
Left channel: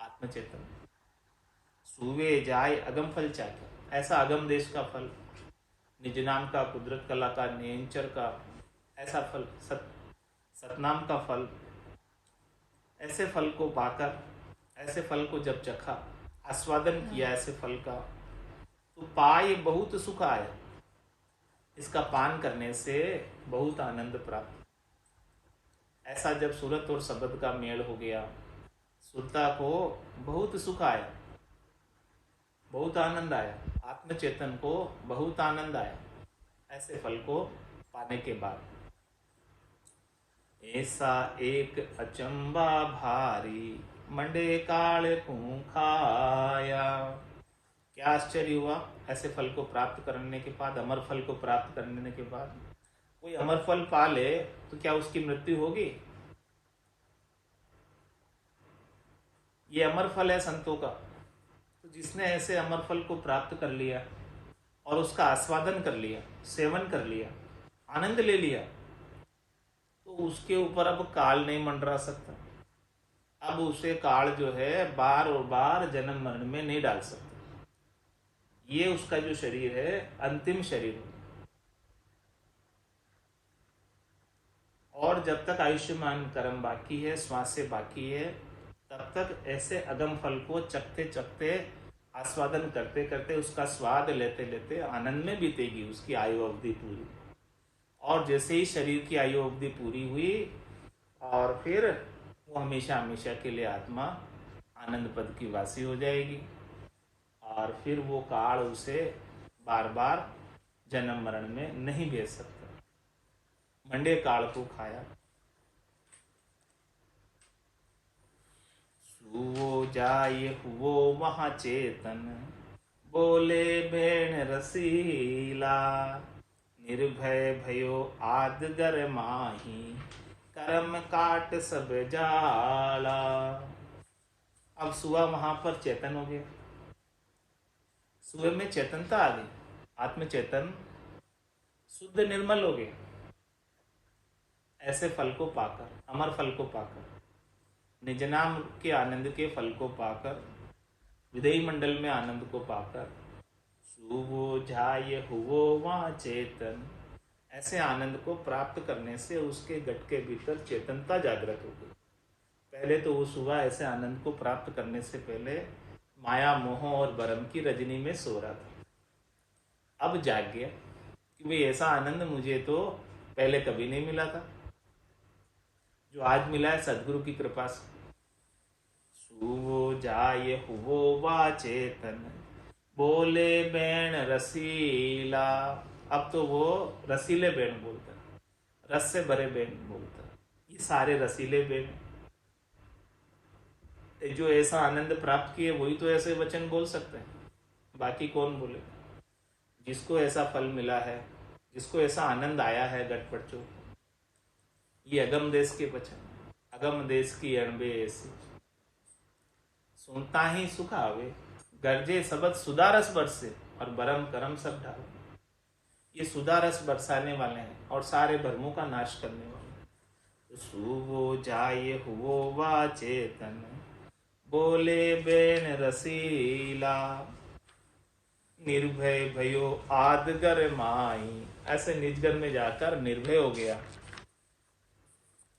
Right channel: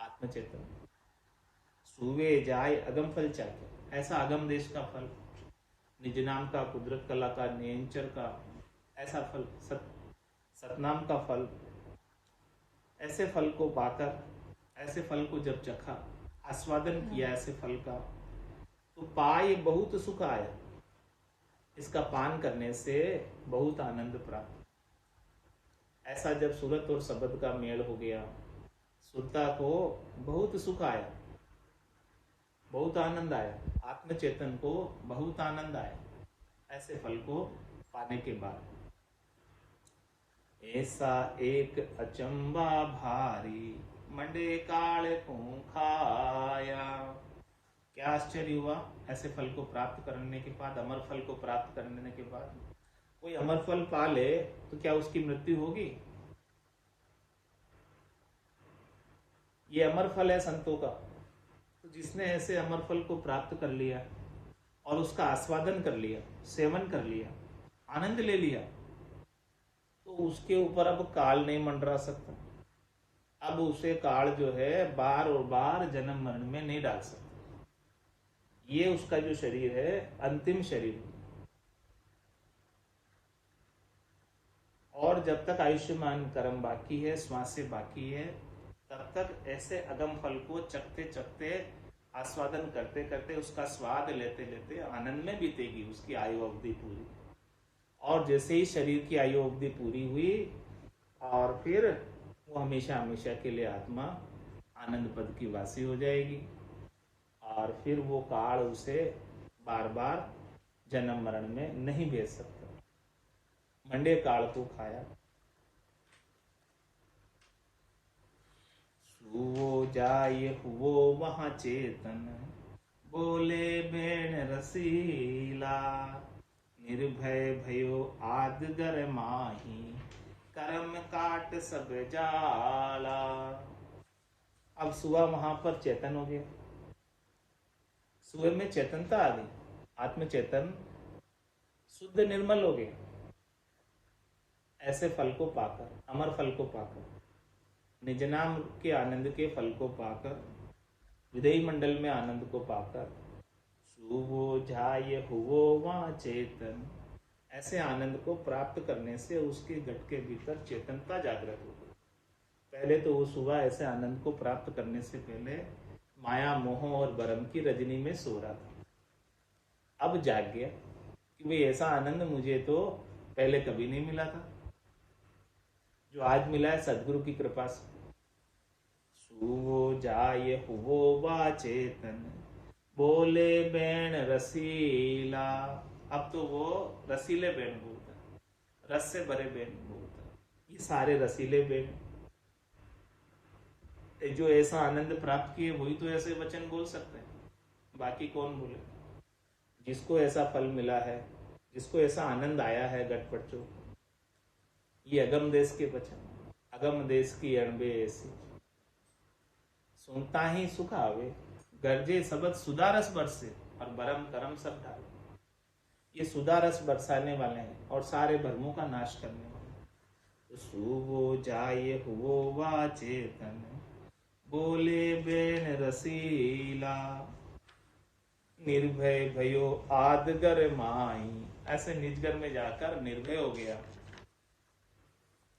आत्मचेतन। सुवे जाय अगम फल चाख्या, ऐसा अगम देश का फल, निज नाम का, कुदरत कला का, नियंचर का, ऐसा फल, सतनाम का फल, ऐसे फल को पाकर, ऐसे फल को जब चखा, आस्वादन किया ऐसे फल का, तो पाए बहुत सुख आया। इसका पान करने से बहुत आनंद प्राप्त। ऐसा जब सूरत और शब्द का मेल हो गया, सुरता को बहुत सुख आया, बहुत आनंद आया, आत्मचेतन को बहुत आनंद आया ऐसे फल को पाने के बाद। ऐसा एक अचंबा भारी, मंडे काल को खाया। क्या आश्चर्य हुआ ऐसे फल को प्राप्त करने के बाद, अमर फल को प्राप्त करने के बाद। कोई अमर फल पा ले तो क्या उसकी मृत्यु होगी? ये अमर फल है संतों का। तो जिसने ऐसे अमर फल को प्राप्त कर लिया और उसका आस्वादन कर लिया, सेवन कर लिया, आनंद ले लिया, तो उसके ऊपर अब काल नहीं मंडरा सकता। अब उसे काल जो है बार और बार जन्म मरण में नहीं डाल सकता। ये उसका जो शरीर है अंतिम शरीर है। और जब तक आयुष्मान कर्म बाकी है, श्वास से बाकी है, तब तक ऐसे अगम फल को चखते चखते, आस्वादन करते करते, उसका स्वाद लेते लेते आनंद में बीतेगी उसकी आयु अवधि पूरी। और जैसे ही शरीर की आयु अवधि पूरी हुई और फिर वो हमेशा हमेशा के लिए आत्मा आनंद पद की वासी हो जाएगी और फिर वो काल उसे बार बार जन्म मरण में नहीं भेज सकता। मंडे काल को खाया। सुवो जाय हुवो वहाँ चेतन, बोले बेण रसीला, निर्भय भयो आदगर माही, कर्म काट सब जाला। अब सुआ वहां पर चेतन हो गया, सुबह में चेतनता आ गई, आत्मचेतन शुद्ध निर्मल हो गया ऐसे फल को पाकर, अमर फल को पाकर, निज नाम के आनंद के फल को पाकर, विदेही मंडल में आनंद को पाकर, सुवो झाय हुवो वहाँ चेतन, ऐसे आनंद को प्राप्त करने से उसके गट के भीतर चेतनता जागृत हो गई। पहले तो वो सुबह ऐसे आनंद को प्राप्त करने से पहले माया मोह और भ्रम की रजनी में सो रहा था। अब जाग गया कि भाई ऐसा आनंद मुझे तो पहले कभी नहीं मिला था, जो आज मिला है सदगुरु की कृपा से। सुवो जाय हुवो वा चेतन, बोले बेण रसीला। अब तो वो रसीले बेण बोलता है, रस से भरे बेण बोलता है। ये सारे रसीले बेण जो ऐसा आनंद प्राप्त किए वही तो ऐसे वचन बोल सकते हैं, बाकी कौन बोले। जिसको ऐसा फल मिला है, जिसको ऐसा आनंद आया है गटपटचो, ये अगम देश के वचन, अगम देश की अणबे ऐसी, सुनता ही सुख आवे, गरजे सबद सुदारस बरसे और बरम करम सब डाले। ये सुदारस बरसाने वाले हैं और सारे भरमों का नाश करने वाले हैं। तो सुवो जाय हुवो वा चेतन, बोले बेन रसीला, निर्भय भयो आदगर माई। ऐसे निजगर में जाकर निर्भय हो गया,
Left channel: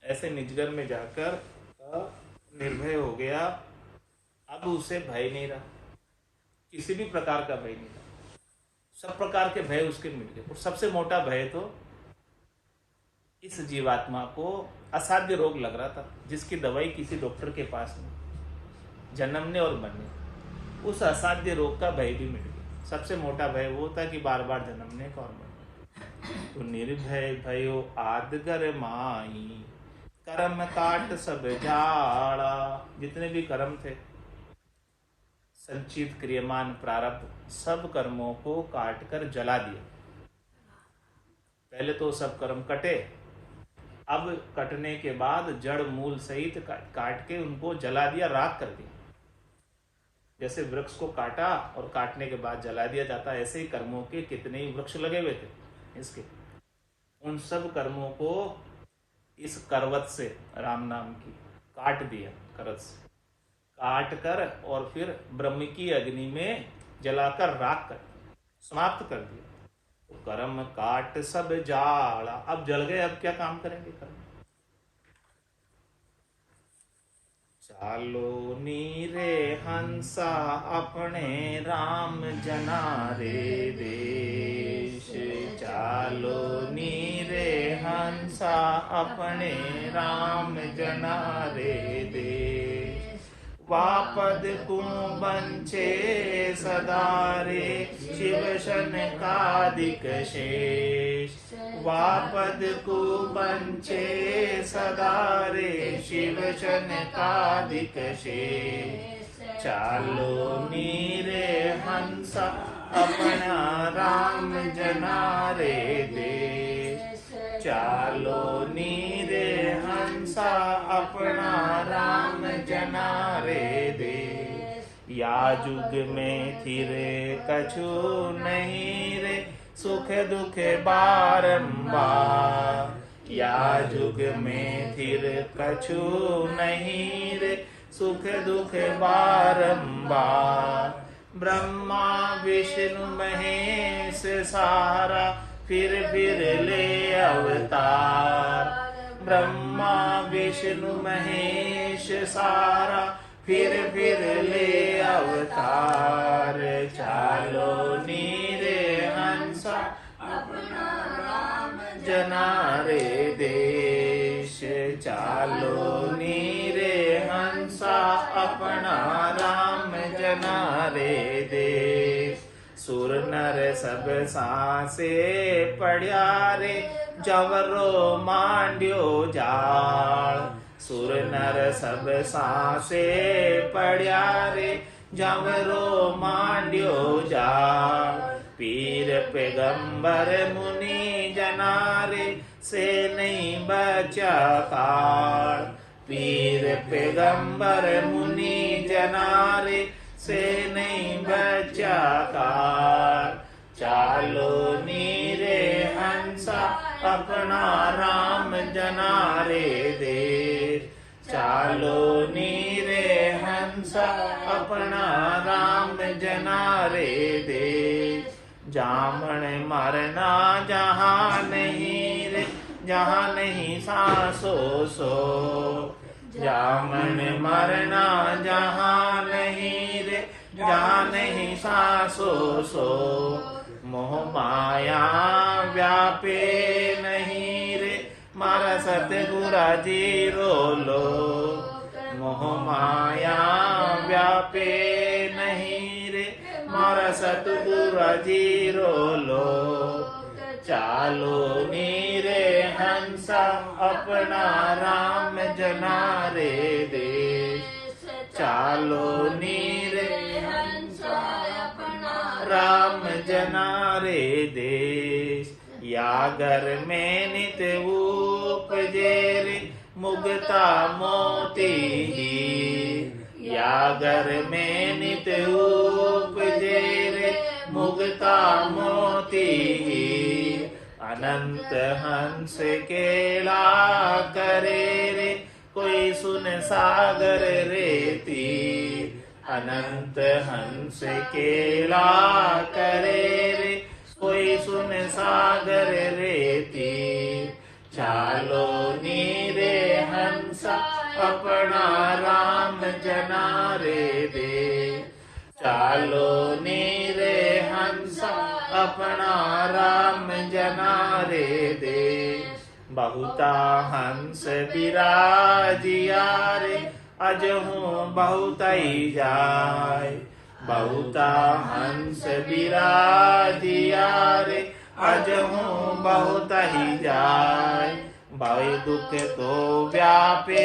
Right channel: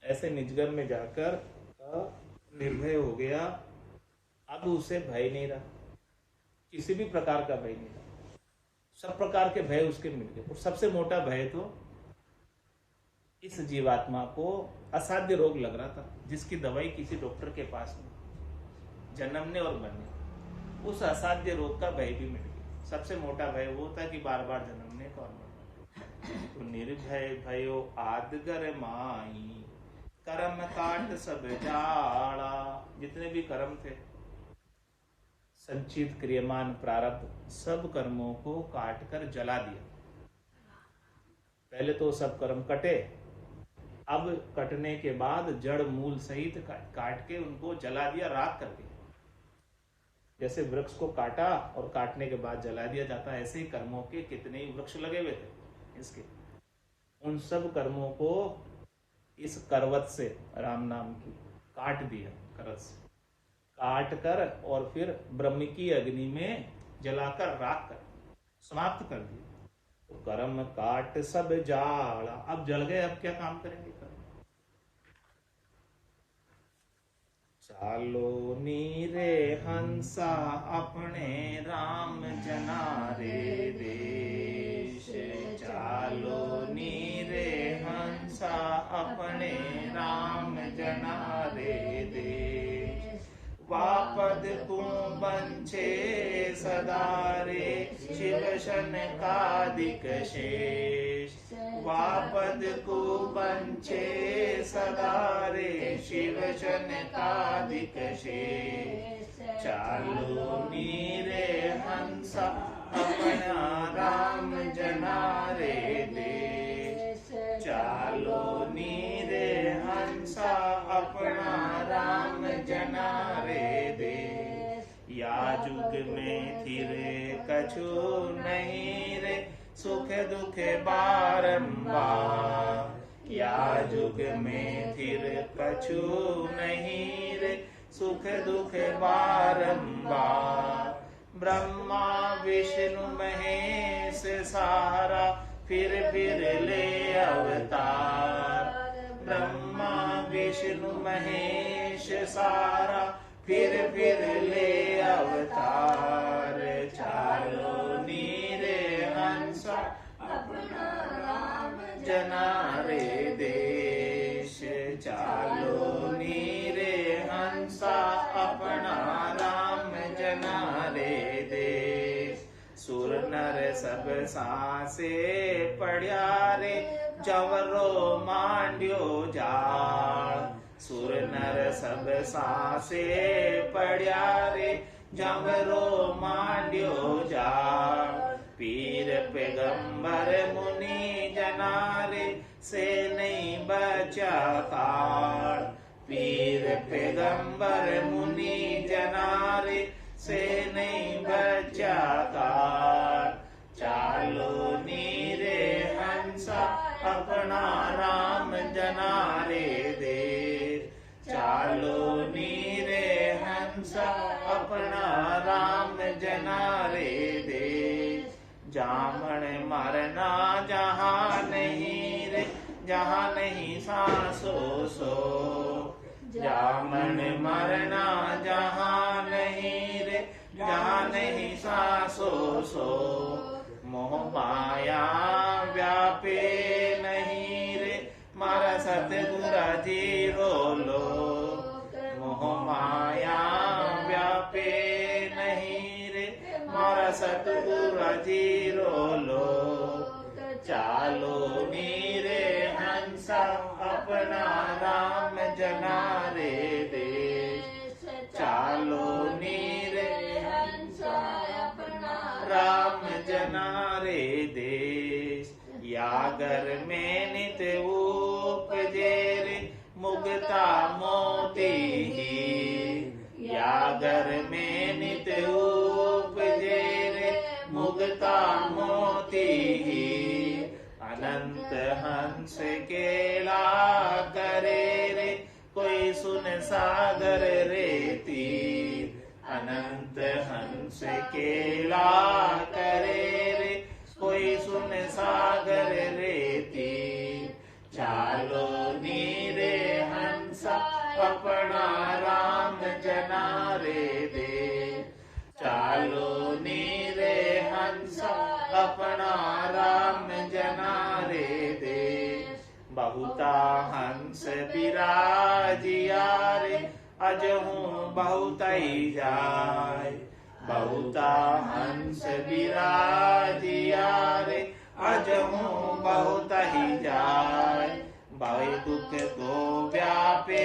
ऐसे निजगर में जाकर निर्भय हो गया। अब उसे भय नहीं रहा, किसी भी प्रकार का भय नहीं रहा, सब प्रकार के भय उसके मिट गए। और सबसे मोटा भय तो इस जीवात्मा को असाध्य रोग लग रहा था, जिसकी दवाई किसी डॉक्टर के पास नहीं, जन्मने और मरने, उस असाध्य रोग का भय भी मिट गया। सबसे मोटा भय वो था कि बार बार जन्मने का और मरने। तो निर्भय भयो आदगर माई, कर्म काट सब जाड़ा। जितने भी कर्म थे, संचित क्रियमान प्रारब्ध, सब कर्मों को काट कर जला दिया। पहले तो सब कर्म कटे, अब कटने के बाद जड़ मूल सहित काट के उनको जला दिया, राख कर दिया। जैसे वृक्ष को काटा और काटने के बाद जला दिया जाता है, ऐसे ही कर्मों के कितने ही वृक्ष लगे हुए थे इसके, उन सब कर्मों को इस करवत से, राम नाम की, काट दिया। करवत से काट कर और फिर ब्रह्म की अग्नि में जलाकर राख कर समाप्त कर दिया। तो कर्म काट सब जाड़ा, अब जल गए, अब क्या काम करेंगे कर्म। चालो नीरे हंसा अपने राम जनारे देश, चालो नीरे हंसा अपने राम जनारे देश। वापद को बंचे सदारे शिव शनकादिक शेष, वापद को बंचे सदारे शिव शनकादिक शेष। चालो नीरे हंसा अपना राम जनारे देश, चालो नीरे हंसा अपना राम जनारे दे। या जुग में थिरे कछु नहीं रे, सुख दुख बारंबार। या जुग में थिर कछु नहीं रे, सुख दुख बारंबार। ब्रह्मा विष्णु महेश सारा, फिर ले अवतार। ब्रह्मा विष्णु महेश सारा, फिर ले अवतार। चालो नीरे हंसा अपना राम जनारे देश, चालो नीरे हंसा अपना राम जनारे देश। सुर नर सब सांसे पड़िया रे, जवरो मांड्यो जाल। सुर नर सब सांसे पड़िया रे, जवरो मांड्यो जाल। पीर पैगंबर मुनि जनारे, से नहीं बचा काल। पीर पैगंबर मुनि जनारे, से नहीं बचा काल। चालो नीरे हंसा अपना राम जनारे देश, चालो नीरे हंसा अपना राम जनारे देश। जामन मरना जहाँ नहीं रे, जहाँ नहीं सांसो सो। जामन मरना जहाँ नहीं रे, जहाँ नहीं सांसो सो। मोह माया व्यापे नहीं रे, मारा सतगुरा जी रोलो। मोह माया व्यापे नहीं रे, मारा सतगुरा जी रोलो। चालो नीरे हंसा अपना राम जनारे देश, चालो नीरे हंसा अपना राम जनारे देश। यागर में नित उपजे रे, मुगता मोती ही। यागर में नित उपजे रे, मुगता मोती ही। अनंत हंस केला करे रे, कोई सुन सागर रेती। अनंत हंस केला करे रे, कोई सुन सागर रेती। चालो नीरे हंसा अपना राम जनारे दे, चालो नीरे हंसा अपना राम जनारे दे। बहुता हंस बिराजिया रे, अजहूँ बहुत ही जाय। बहुता हंस बिराजिया रे, अजहू बहुत ही जाय। भाई दुख तो व्यापे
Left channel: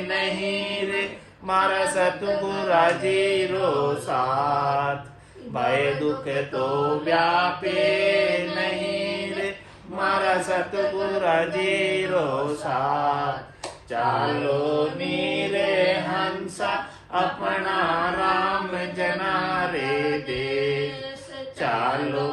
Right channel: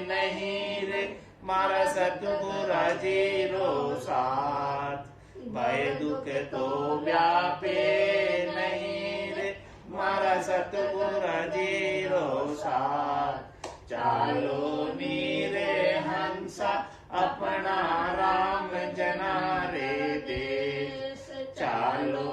नहीं रे, मारा सतगुरा जीरो साथ। भय दुख तो व्यापे नहीं रे, मारा सतगुरा जीरो साथ। चालो नीरे हंसा अपना राम जना रे देश। चालो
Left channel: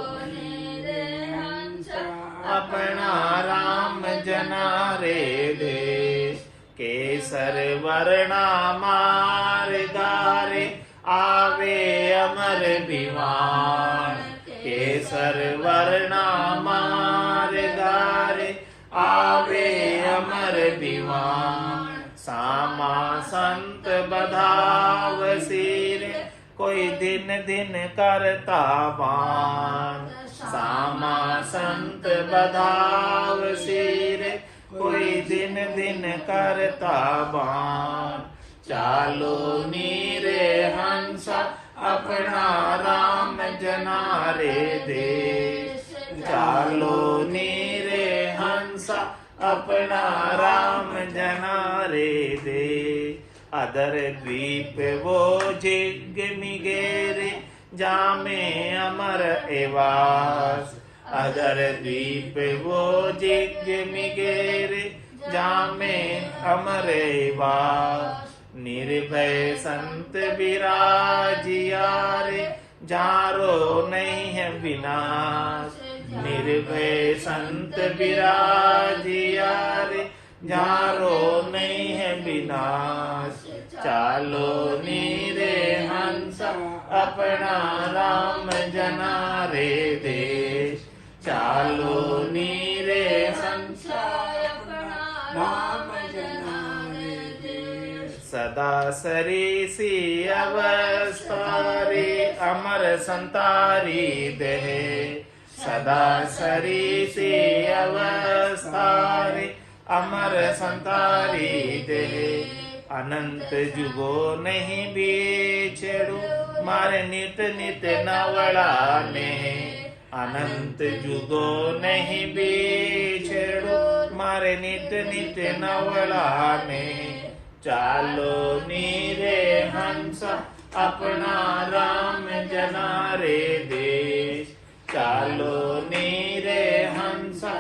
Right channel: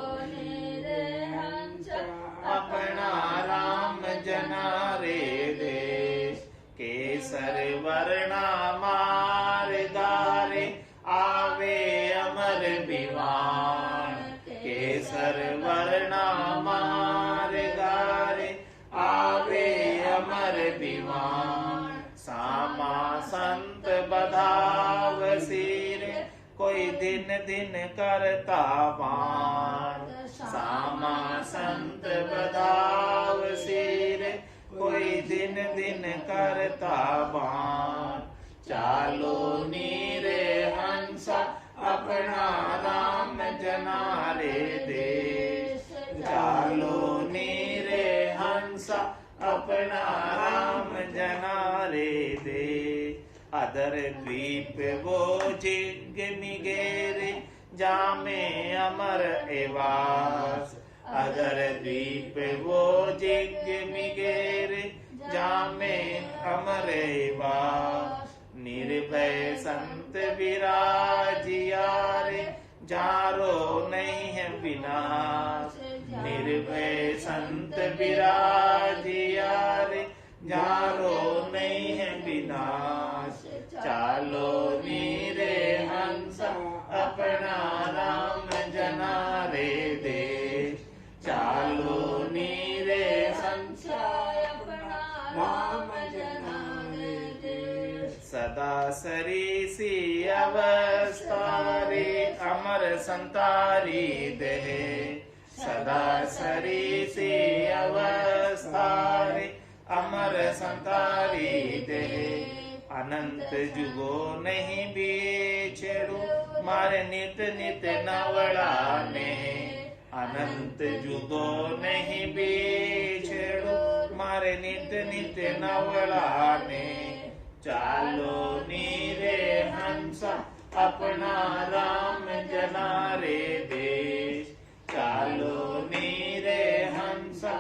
अपना राम जना रे देश। केसर वर्णा मार गारे, आवे अमर विमान। केसर वर्णा मार गारे, आवे अमर विमान। सामा संत बधाव सिर, कोई दिन दिन करता बान। सामा संत बधाव सिर, कोई दिन दिन करता बान। चालो नीरे हंसा अपना राम जना रे देश। चालो नीरे हंसा अपना राम जना रे देश। अदर द्वीप वो जिगमिगेरे, जामे अमर एवास। अदर द्वीप वो जिगमिगेरे, जामे अमर एवास। निर्भय संत विराजिया रे, जारो नहीं है विनाश। निर्भय संत विराजिया रे, जारो नहीं है विनाश। चालो नीरे हंसा अपना राम जना रे देश। चालो नीरे हंसा अपना राम जना रे देश। सदा सरीसी अवस्था रे, अमर संतारी दे। सदा सरीसी अवस्था रे, अमर संतारी दे। अनंत जुगो नहीं बिछड़ू, मारे नित नित नवड़ाने। अनंत जुगो नहीं बिछड़ू, मारे नित नित नवड़ाने। चालो नीरे हंसा अपना राम जना रे देश। चालो नीरे हंसा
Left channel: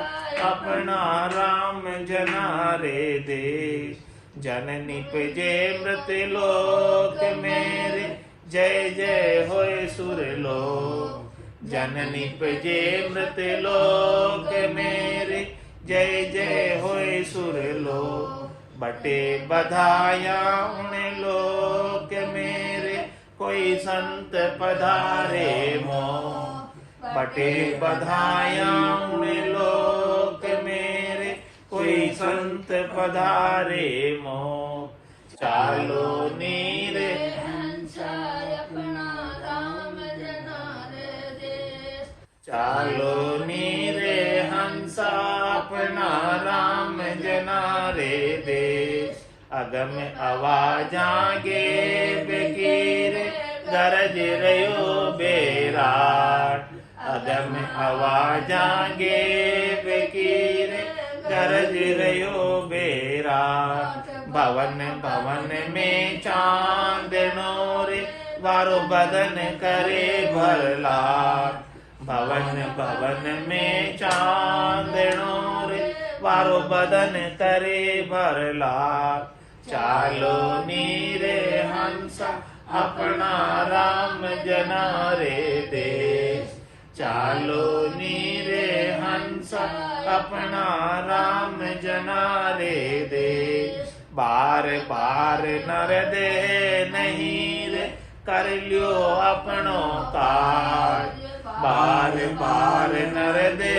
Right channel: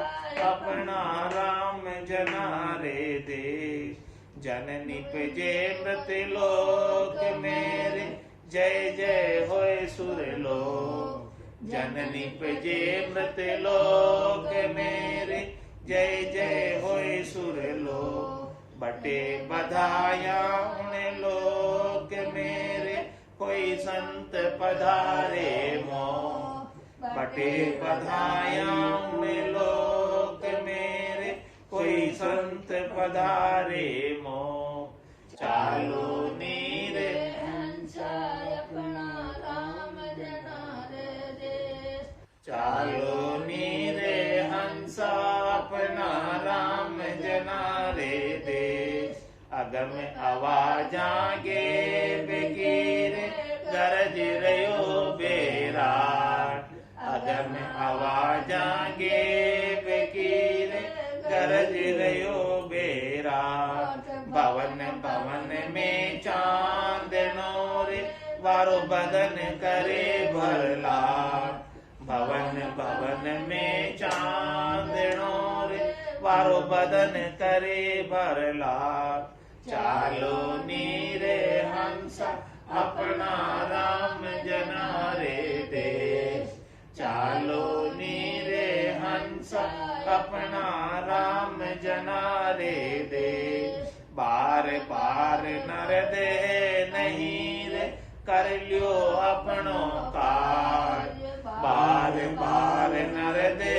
अपना राम जना रे देश। जन निपजे मृत लोक मेरे, जय जय होए सुर लोक। जन निपजे मृत लोक मेरे, जय जय होए सुर लोक। बटे बधाया उन लोक मेरे, कोई संत पधारे मोह। बटे बधाया उन लोक मेरे, कोई संत पधारे मोह। चालो नीरे हंसा अपना राम जना रे देश। चालो नीरे हंसा अपना राम जना रे देश। अगम आवाजा गे बेकीरे, गरज रयो बेराट। अगम आवाजा गे बेकीरे, गरज रयो बेरा। भवन भवन में चांदनो रे, वारो बदन करे भरला। भवन भवन में चांदनो रे, वारो बदन करे भरला। चालो नीरे हंसा अपना राम जना रे देश। चालो नीरे हंसा अपना राम जना रे देश। बार बार नर दे नहीं रे, कर लियो अपनो काज। बार बार नर दे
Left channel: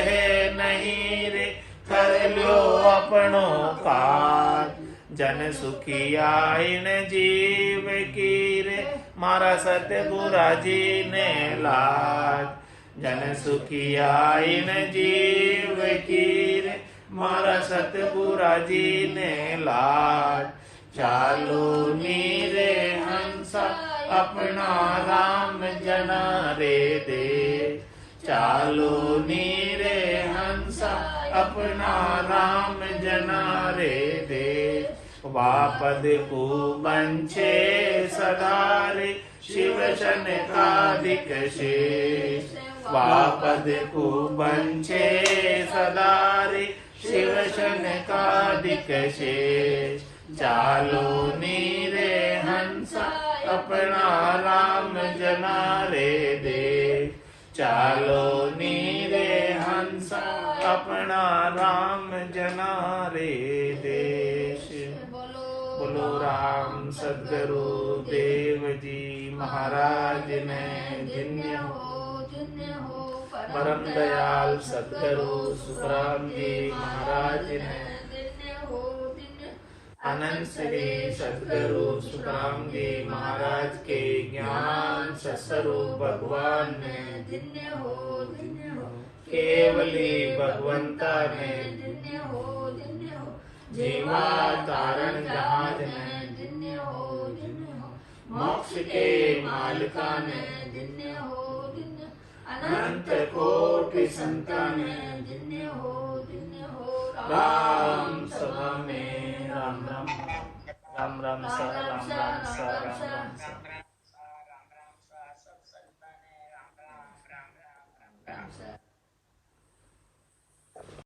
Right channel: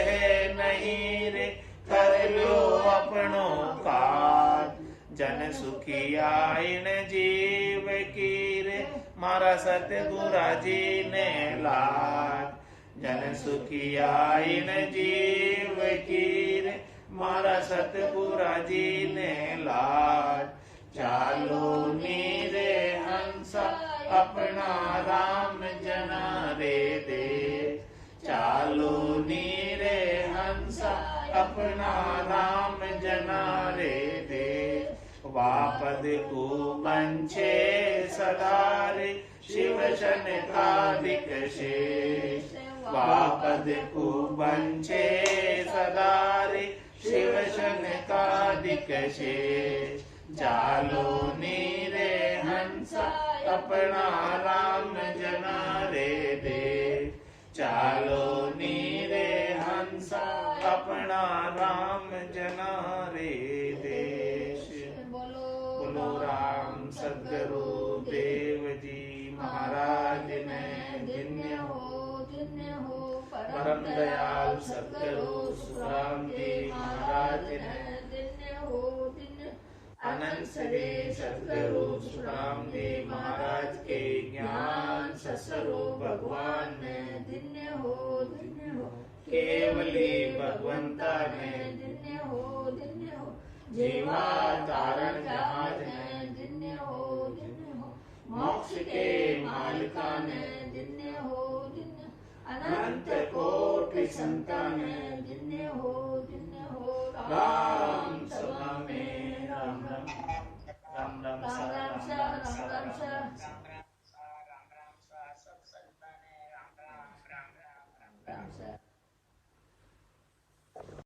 नहीं रे, कर लियो अपनो काज। जन सुखिया इन जीव की रे, मारा सतगुरा जी ने लाज। जन सुखिया इन जीव की रे, मारा सतगुरा जी ने लाज। चालो नीरे हंसा अपना राम जना रे देश। चालो नीरे हंसा अपना राम जना रे दे वापद को बंछे सदारे शिव शनकादिक शेष वापद को बंछे सदारे शिव शनकादिक शेष चालो नीरे हंसा अपना राम जना रे दे चालो नीरे हंसा अपना राम जना रे देश। बोलो राम सद्गुरु देव जी महाराज ने धन्य हो परम दयाल सद्गुरु सुखराम जी महाराज ने अनंत श्री सद्गुरु सुखराम जी महाराज के ज्ञान स्वरूप भगवान ने केवली भगवंता ने जीवा तारण जहाज ने मोक्ष के मालिका ने अनंत कोटि संतान राम सभा में राम राम राम राम सा राम राम सा राम राम सा।